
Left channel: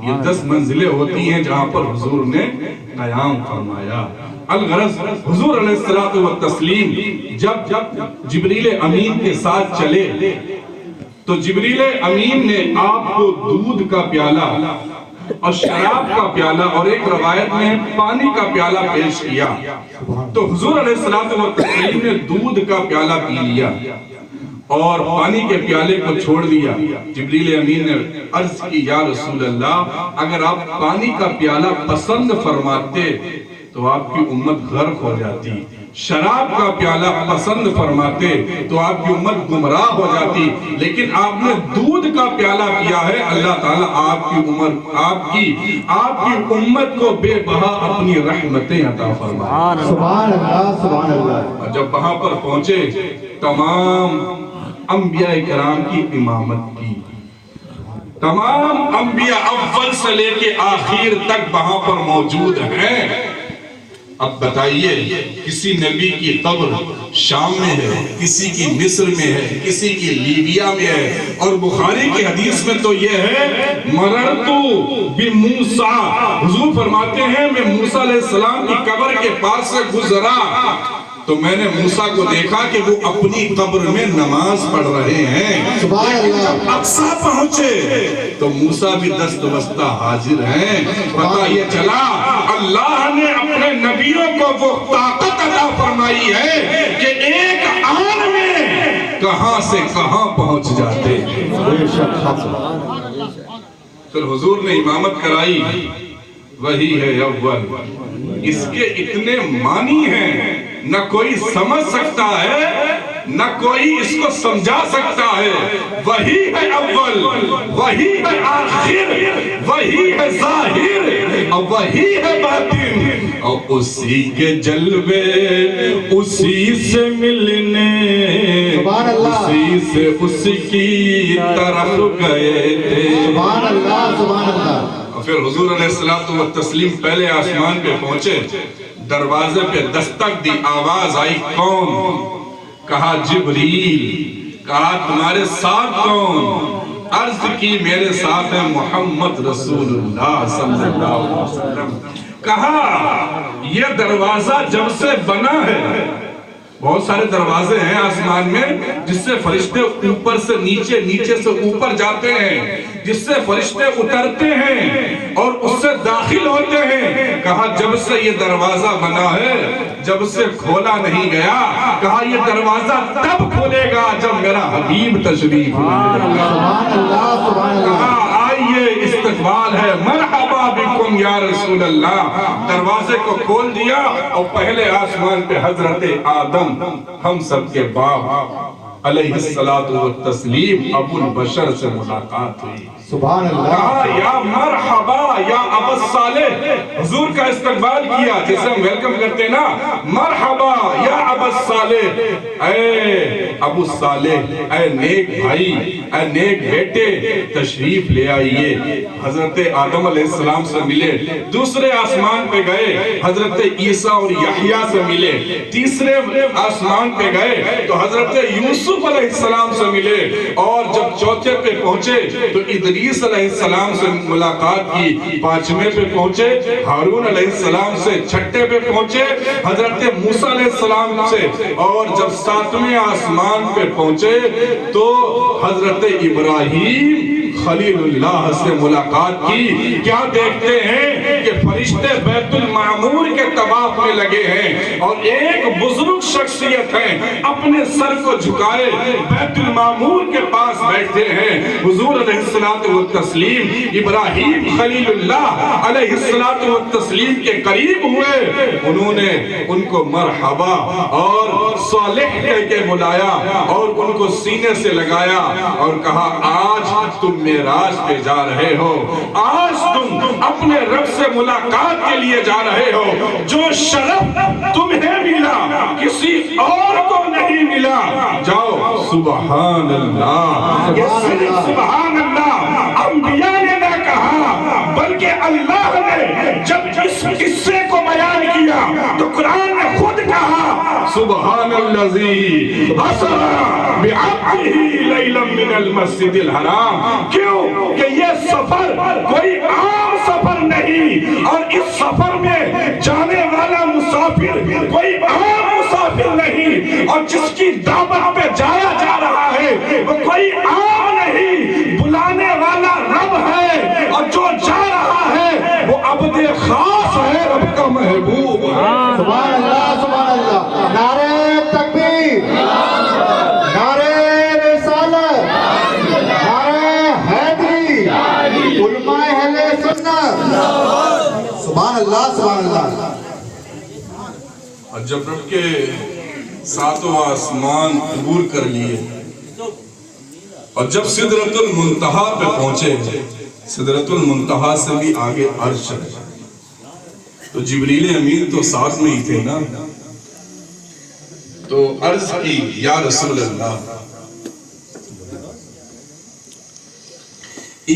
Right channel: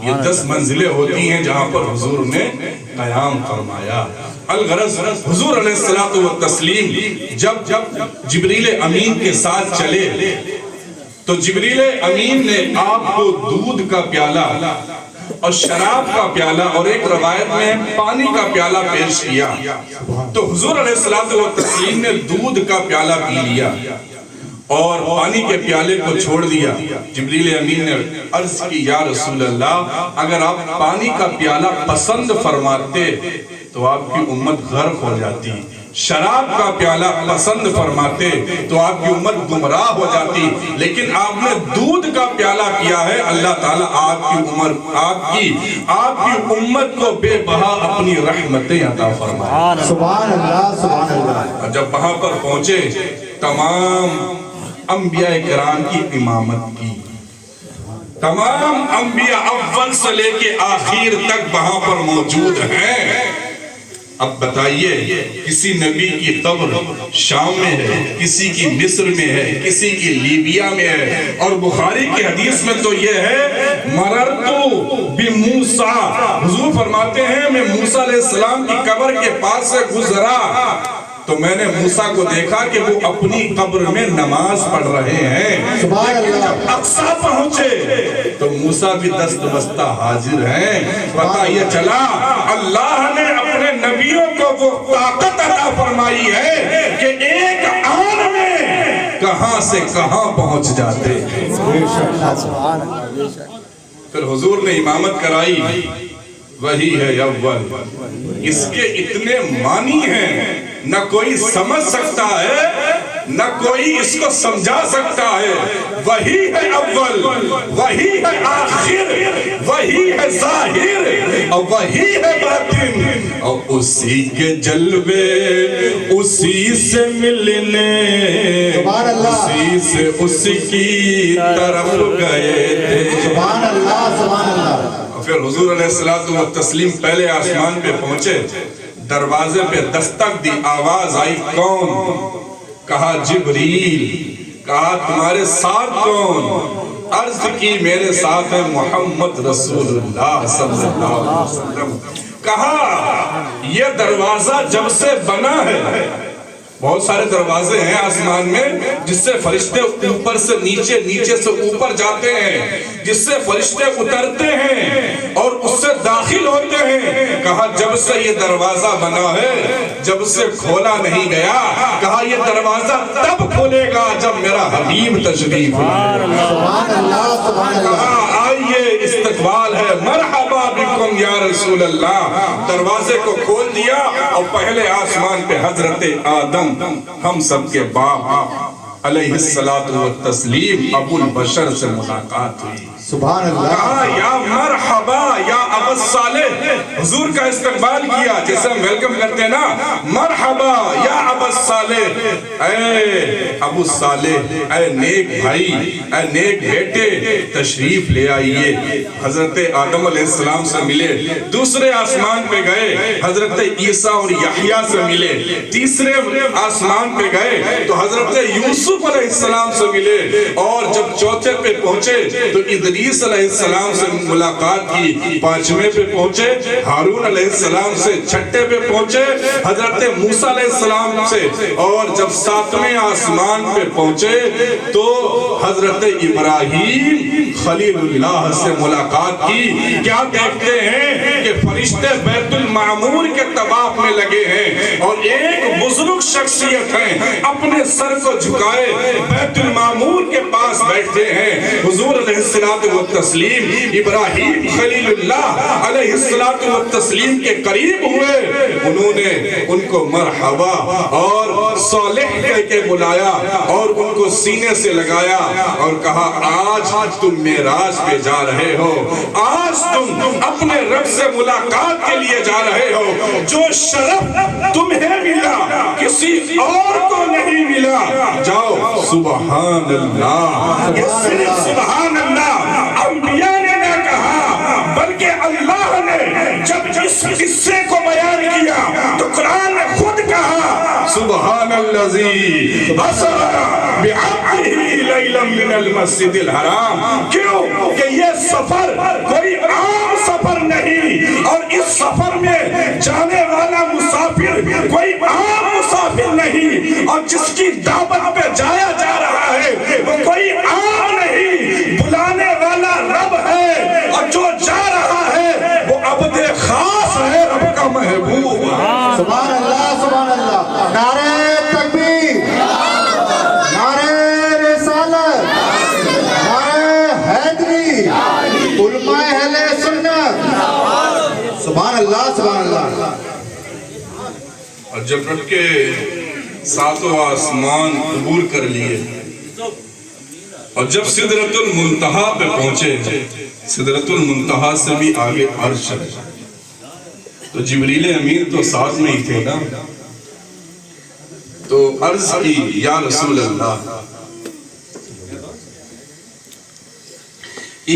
یہ 10 منزلیں ہوتی ہیں جہاں پر حضور نے قیام فرمایا. الغرض حضور علیہ الصلوۃ والتسلیم جب جبریل امین کے ساتھ چلے تو جبریل امین نے آپ کو دودھ کا پیالہ اور شراب کا پیالہ اور ایک روایت میں پانی کا پیالہ پیش کیا. تو حضور علیہ الصلوۃ والتسلیم نے دودھ کا پیالہ پی لیا اور پانی کے پیالے کو چھوڑ دیا. جبریل امین نے عرض کی یا رسول اللہ، اگر آپ پانی کا پیالہ پسند فرماتے تو آپ کی امت غرق ہو جاتی، شراب کا پیالہ پسند فرماتے تو آپ کی امت گمراہ ہو جاتی، لیکن آپ نے دودھ کا پیالہ کیا ہے. اللہ تعالیٰ آپ کی امت کو بے بہا اپنی رحمتیں عطا فرمائے. سبحان اللہ. سبحان اللہ. جب وہاں پر پہنچے تمام انبیاء کرام کی امامت کی. تمام انبیاء اول سے لے کے آخر تک وہاں پر موجود ہیں. اب بتائیے کسی نبی کی قبر شام میں ہے، کسی کی مصر میں ہے، کسی کی لیبیا میں ہے، اور بخاری کی حدیث میں تو یہ ہے مررتو بموسیٰ، حضور فرماتے ہیں میں موسیٰ علیہ السلام کی قبر کے پاس سے گزرا تو میں نے موسیٰ کو دیکھا کہ وہ اپنی قبر میں نماز پڑھ رہے ہیں۔ سبحان اللہ۔ اقصیٰ پہنچے تو موسیٰ بھی دست بستہ حاضر ہیں۔ پتہ یہ چلا اللہ نے اپنے نبیوں کو وہ طاقت عطا فرمائی ہے کہ ایک آن میں کہاں سے کہاں پہنچ جاتے ہیں۔ پھر حضور نے امامت کرائی، وہی ہے اول، اس کے اتنے معنی ہیں نہ کوئی سمجھ سکتا ہے نہ کوئی اس کو سمجھا سکتا ہے۔ وہی ہے اول، وہی ہے آخر، وہی ہے ظاہر اور وہی ہے باطن، اور اسی کے جلوے اسی سے ملنے سبحان اللہ، اسی سے اس کی طرف گئے تھے۔ سبحان اللہ، سبحان اللہ۔ پھر حضور علیہ السلام و تسلیم پہلے آسمان پہ پہنچے، دروازے پہ دستک دی، آواز آئی کون؟ کہا جبریل۔ کہا تمہارے ساتھ کون؟ عرض کی میرے ساتھ ہے محمد رسول اللہ صلی اللہ علیہ وسلم۔ کہا یہ دروازہ جب سے بنا ہے، بہت سارے دروازے ہیں آسمان میں جس سے فرشتے اوپر سے نیچے، نیچے سے اوپر جاتے ہیں، جس سے فرشتے اترتے ہیں اور اس سے داخل ہوتے ہیں۔ کہا جب سے یہ دروازہ بنا ہے، جب سے کھولا نہیں گیا، کہا یہ دروازہ تب کھولے گا جب میرا حبیب تشریف لائے گا۔ سبحان اللہ، سبحان اللہ۔ کہا آئیے استقبال ہے، مرحبا بکم یا رسول اللہ۔ دروازے کو کھول دیا اور پہلے آسمان پہ حضرت آدم ہم سب کے باپ علیہ الصلوۃ والتسلیم ابو البشر سے ملاقات ہوئی۔ سبحان اللہ۔ کہا یا مرحبا یا ابو الصالح، حضور کا استقبال کیا جیسے ہم ویلکم کرتے ہیں نا، مرحبا یا ابو الصالح، اے ابو الصالح، اے نیک بھائی، اے نیک بیٹے، تشریف لے آئیے۔ حضرت آدم علیہ السلام سے ملے، دوسرے آسمان پہ گئے حضرت عیسیٰ اور یحییٰ سے ملے، تیسرے آسمان پہ گئے تو حضرت یوسف علیہ السلام سے ملے، اور جب چوتھے پہ پہنچے تو ادریس علیہ السلام سے ملاقات کی، پانچویں پہ پہنچے ہارون علیہ السلام سے، چھٹے پہ پہنچے حضرت موسیٰ علیہ السلام سے، اور جب ساتویں آسمان پہ پہنچے تو حضرت ابراہیم خلیل اللہ سے ملاقات کی۔ کیا دیکھتے ہیں کہ فرشتے بیت المعمور کے طواف میں لگے ہیں اور ایک بزرگ شخصیت ہے اپنے سر کو جھکائے بیت المعمور کے پاس بیٹھے ہیں۔ حضور علیہ الصلوۃ والتسلیم ابراہیم خلیل اللہ علیہ الصلوۃ والتسلیم کے قریب ہوئے، انہوں نے ان کو مرحبا اور صالح کہہ کے بلایا اور ان کو سینے سے لگایا اور کہا آج تم معراج پہ جا رہے ہو، آج تم اپنے رب سے ملاقات کے لیے جا رہے ہو، جو شرف تمہیں ملا کسی اور کو نہیں ملا، جاؤ سبحان اللہ۔ یہ صرف سبحان اللہ انبیاء نے نہ کہا بلکہ اللہ نے جب اس قصے کو بیان کیا تو قرآن نے خود کہا سبحان الذی اسری بعبدہ لیلا من المسجد الحرام۔ کیوں کہ یہ سفر کوئی عام سفر نہیں، اور اس سفر میں جانے والا مسافر کوئی عام مسافر نہیں، اور جس کی دعوت پہ جایا جا رہا ہے وہ کوئی عام نہیں، بلانے والا رب ہے، اور جو جا رہا ہے وہ عبد خاص ہے، رب کا محبوب۔ سبحان اللہ، سبحان اللہ۔ نعرہ تکبیر، نعرہ رسالت، نعرہ حیدری، علماء اہل سنت۔ سبحان اللہ، سبحان اللہ۔ اور جب رب کے ساتوں آسمان عبور کر لیے اور جب سدرۃ المنتہا پہ پہنچے، سدرۃ المنتہا سے بھی آگے عرش ہے، تو جبریل امین تو ساتھ میں ہی تھے نا، تو عرض کی یا رسول اللہ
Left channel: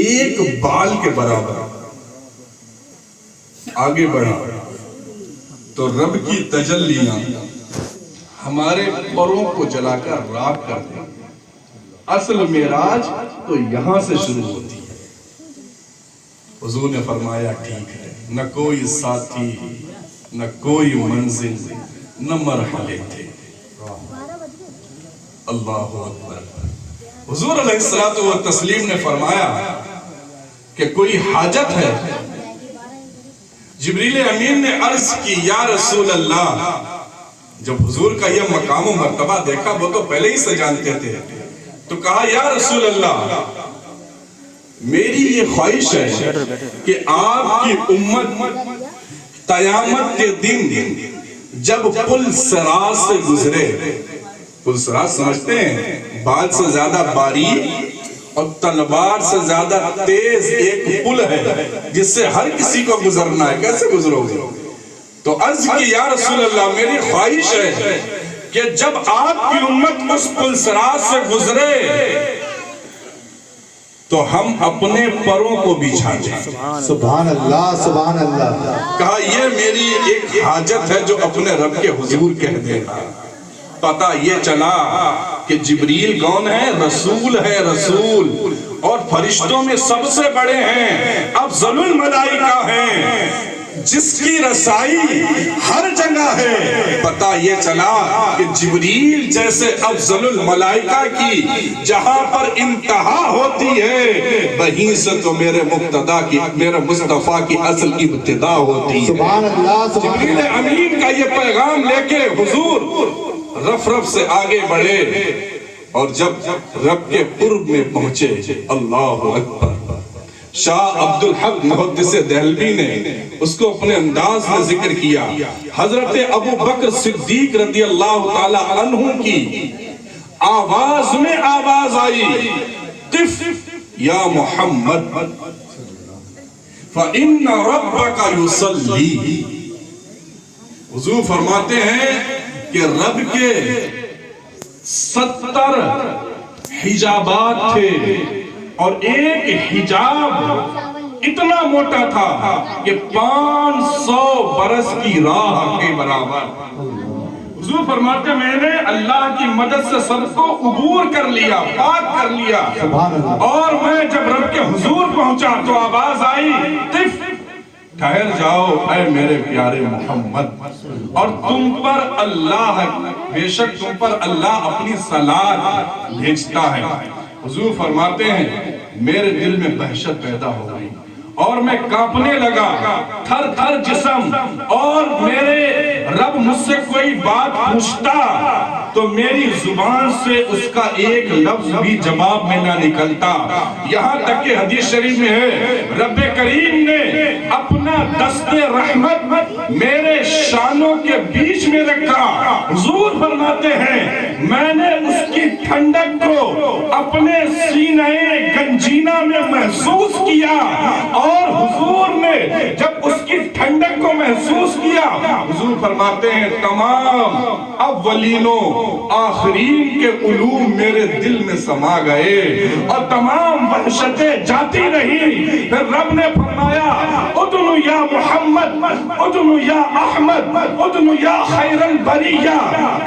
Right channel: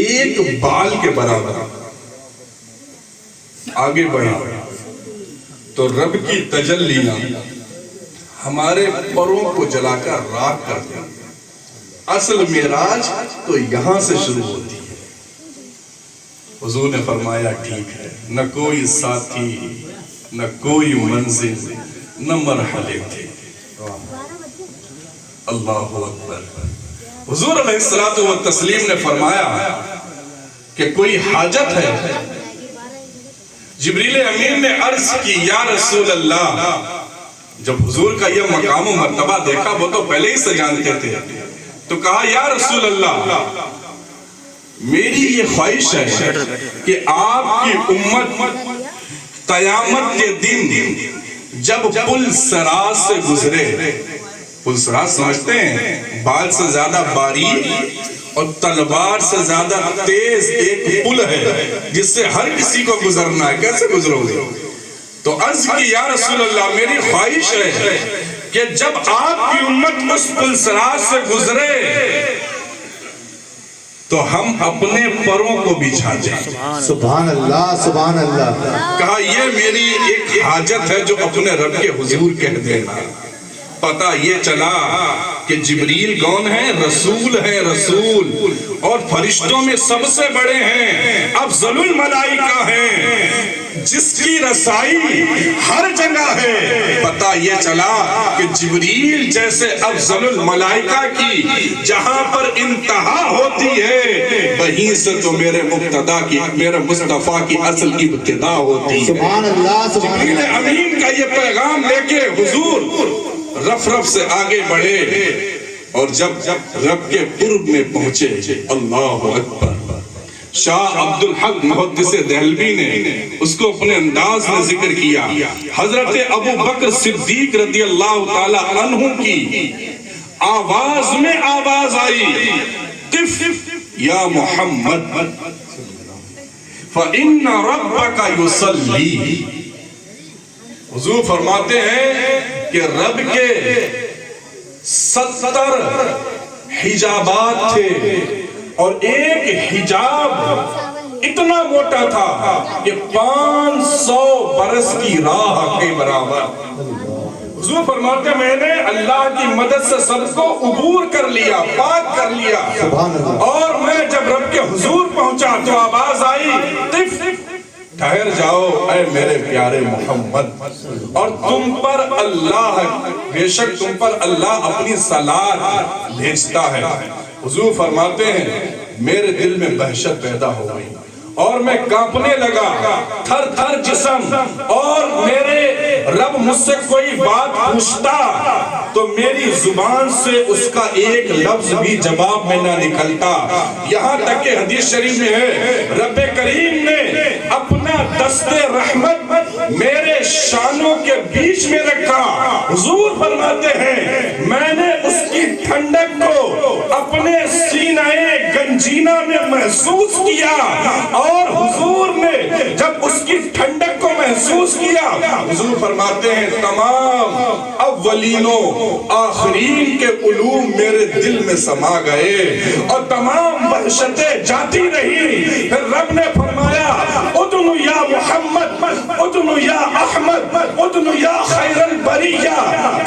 ایک بال کے برابر آگے بڑھا تو رب کی تجلیاں ہمارے پروں کو جلا کر راکھ کر دیں۔ اصل معراج تو یہاں سے شروع ہوتی ہے۔ حضور نے فرمایا ٹھیک ہے، نہ کوئی ساتھی، نہ کوئی منزل، نہ مرحلے تھے۔ اللہ اکبر۔ حضور علیہ الصلوۃ والتسلیم نے فرمایا کہ کوئی حاجت ہے؟ جبریل امین نے عرض کی یا رسول اللہ۔ جب حضور کا یہ مقام و مرتبہ دیکھا، وہ تو پہلے ہی سے جانتے تھے، تو کہا یا رسول اللہ، میری یہ خواہش ہے کہ آپ کی امت قیامت کے دن جب پل صراط سے گزرے، پل صراط سمجھتے ہیں بال سے زیادہ باریک اور تلوار سے زیادہ تیز ایک پل ہے جس سے ہر کسی کو گزرنا ہے، کیسے گزرو گے؟ تو عرض کی یا رسول اللہ، میری خواہش ہے کہ جب آپ کی امت اس پل صراط سے گزرے تو ہم اپنے پروں کو بچھا دیں۔ سبحان اللہ، سبحان اللہ۔ کہا یہ میری ایک حاجت ہے جو اپنے رب کے حضور کہہ دینا۔ پتہ یہ چلا کہ جبریل کون ہے؟ رسول ہے، رسول، اور فرشتوں میں سب سے بڑے ہیں، افضل الملائکہ ہیں، جس کی رسائی ہر جگہ ہے۔ پتہ یہ چلا کہ جبریل جیسے افضل الملائکہ کی جہاں پر انتہا ہوتی ہے، وہیں سے تو میرے مقتدیٰ کی، میرے مصطفیٰ کی اصل ابتدا ہوتی ہے۔ سبحان اللہ، سبحان جبریل اللہ۔ امین کا یہ پیغام لے کے حضور رف رف سے آگے بڑھے، اور جب رب کے قرب میں پہنچے، اللہ اکبر، شاہ عبدالحق محدث دہلوی نے اس کو اپنے انداز میں ذکر کیا۔ حضرت ابو بکر صدیق رضی اللہ تعالی عنہ کی آواز میں آواز آئی، قف یا محمد فَإِنَّ رَبَّكَ يُصَلِّي۔ حضور فرماتے ہیں کہ رب کے 70 حجابات تھے، اور ایک حجاب اتنا موٹا تھا کہ 500 برس کی راہ کے برابر۔ حضور فرماتے ہیں میں نے اللہ کی مدد سے سب کو عبور کر لیا، پاک کر لیا، اور میں جب رب کے حضور پہنچا تو آواز آئی، قف، ٹھہر جاؤ اے میرے پیارے محمد، اور تم پر اللہ، بے شک تم پر اللہ اپنی صلاۃ بھیجتا ہے۔ حضور فرماتے ہیں میرے دل میں وحشت پیدا ہو گئی اور میں کانپنے لگا، تھر تھر جسم، اور میرے رب مجھ سے کوئی بات پوچھتا تو میری زبان سے اس کا ایک لفظ بھی جواب میں نہ نکلتا۔ یہاں تک کہ حدیث شریف میں ہے رب کریم نے اپنا دست رحمت میرے شانوں کے بیچ میں رکھا۔ حضور فرماتے ہیں میں نے اس کی ٹھنڈک کو اپنے سینہ گنجینہ میں محسوس کیا، اور حضور نے جب اس کی ٹھنڈک کو محسوس کیا، حضور فرماتے ہیں تمام اولینوں آخرین کے علوم میرے دل میں سما گئے اور تمام وحشتیں جاتی رہی۔ پھر رب نے فرمایا ادنو یا محمد، ادنو یا احمد، ادنو یا خیر البریہ،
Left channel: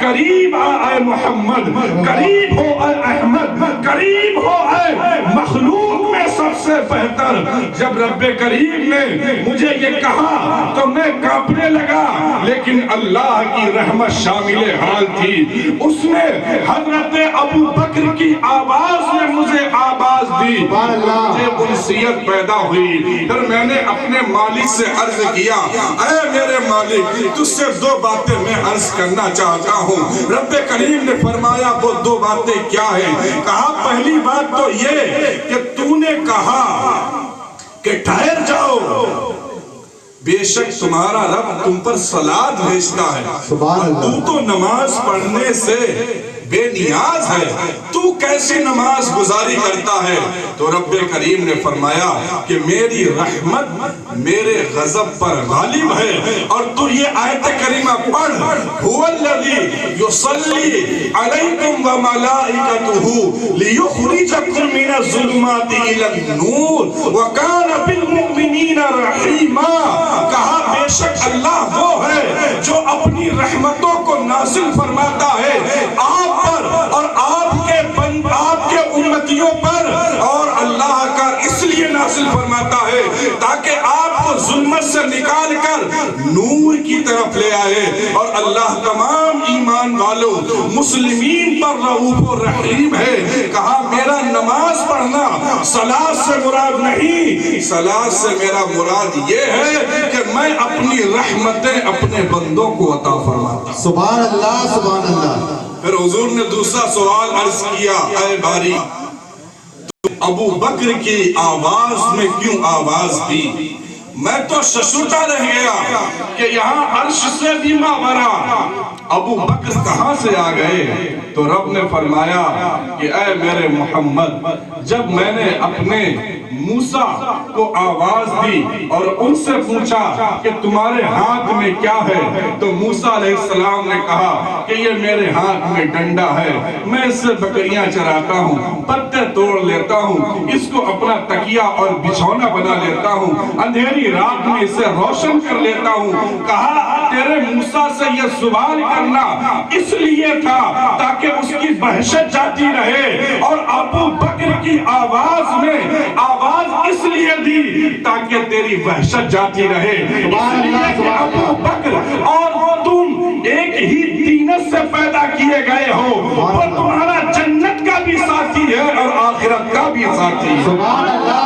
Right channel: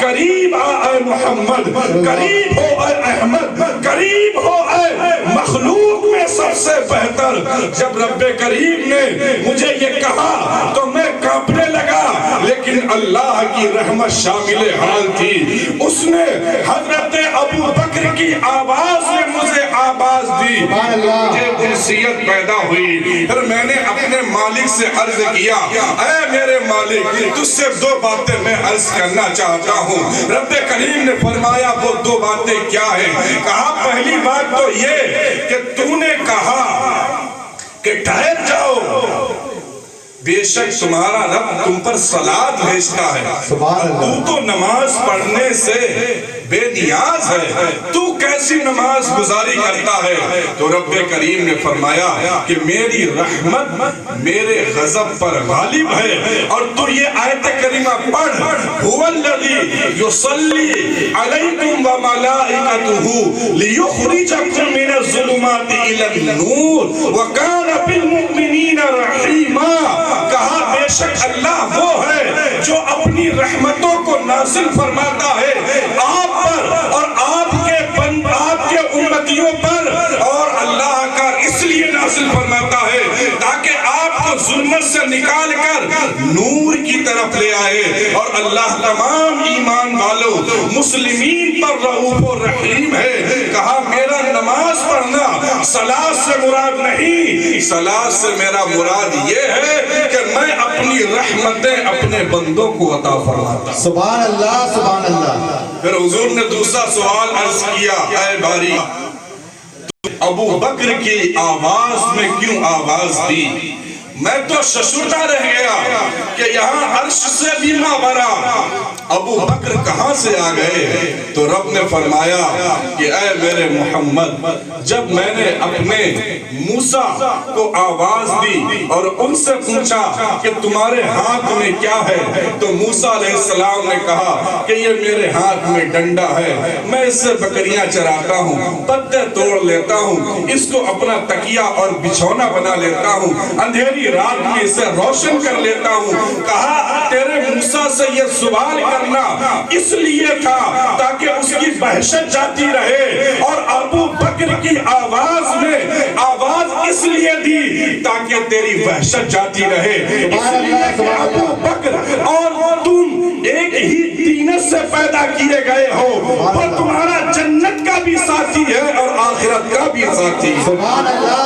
قریب اے محمد، قریب ہو اے احمد، قریب ہو اے مخلوق میں سب سے بہتر۔ جب رب کریم نے مجھے یہ کہا تو میں کانپنے لگا، لیکن اللہ کی رحمت شامل حال تھی۔ اس نے حضرت ابو بکر کی آواز میں مجھے آواز دی، مجھے انسیت پیدا ہوئی۔ پھر میں نے اپنے مالک سے عرض کیا اے میرے مالک، تجھ سے 2 باتیں میں عرض کرنا چاہتا ہوں۔ رب کریم نے فرمایا وہ 2 باتیں کیا ہیں؟ کہا پہلی بات تو یہ کہ تو نے کہا کہ ٹھہر جاؤ، بے شک تمہارا رب تم پر صلاۃ بھیجتا ہے، تو تو نماز پڑھنے سے بے نیاز ہے، تو کیسی نماز گزاری کرتا ہے؟ تو رب کریم نے فرمایا کہ میری رحمت میرے غضب پر غالب ہے، اور تو یہ آیت کریمہ پڑھ، هو الذی یصلی علیکم وملائکتہ لیخرجکم من الظلمات الی النور وکان بالمؤمنین رحیما۔ کہا بے شک اللہ وہ ہے جو رحمتوں کو نازل فرماتا ہے آپ پر اور آپ کے امتیوں پر، اور اللہ کا اس لیے نازل فرماتا ہے تاکہ آپ کو ظلمت سے نکال کر نور کی طرف لے آئے۔ اور اللہ تمام ایمان والوں مسلمین پر رؤوف و رحیم ہے۔ کہا میرا نماز پڑھنا صلاۃ سے مراد نہیں، صلاۃ سے میرا مراد یہ ہے کہ میں اپنی رحمتیں اپنے بندوں کو عطا فرماتا۔ سبحان اللہ سبحان اللہ۔ پھر حضور نے دوسرا سوال عرض کیا، اے باری ابو بکر کی آواز میں کیوں آواز دی؟ میں تو ششرتا رہ گیا کہ یہاں عرش سے بھی مابرا ابو بکر کہاں سے آ گئے؟ تو رب نے فرمایا کہ اے میرے محمد، جب میں نے اپنے موسیٰ کو آواز دی اور ان سے پوچھا کہ تمہارے ہاتھ میں کیا ہے، تو موسیٰ علیہ السلام نے کہا کہ یہ میرے ہاتھ میں ڈنڈا ہے، میں اس سے بکریاں چراتا ہوں، پتے توڑ لیتا ہوں، اس کو اپنا تکیہ اور بچھونا بنا لیتا ہوں، اندھیری رات میں اسے روشن کر لیتا ہوں۔ کہا تیرے موسیٰ سے یہ سوال کرنا اس لیے تھا تاکہ اس کی وحشت جاتی رہے، اور ابو بکر کی آواز میں آواز اس لیے دی تاکہ تیری وحشت جاتی رہے، اس لیے کہ ابو بکر اور تم ایک ہی طینت سے پیدا کیے گئے ہو، وہ تمہارا جنت کا بھی ساتھی ہے اور آخرت کا بھی ساتھی ہے۔ سبحان اللہ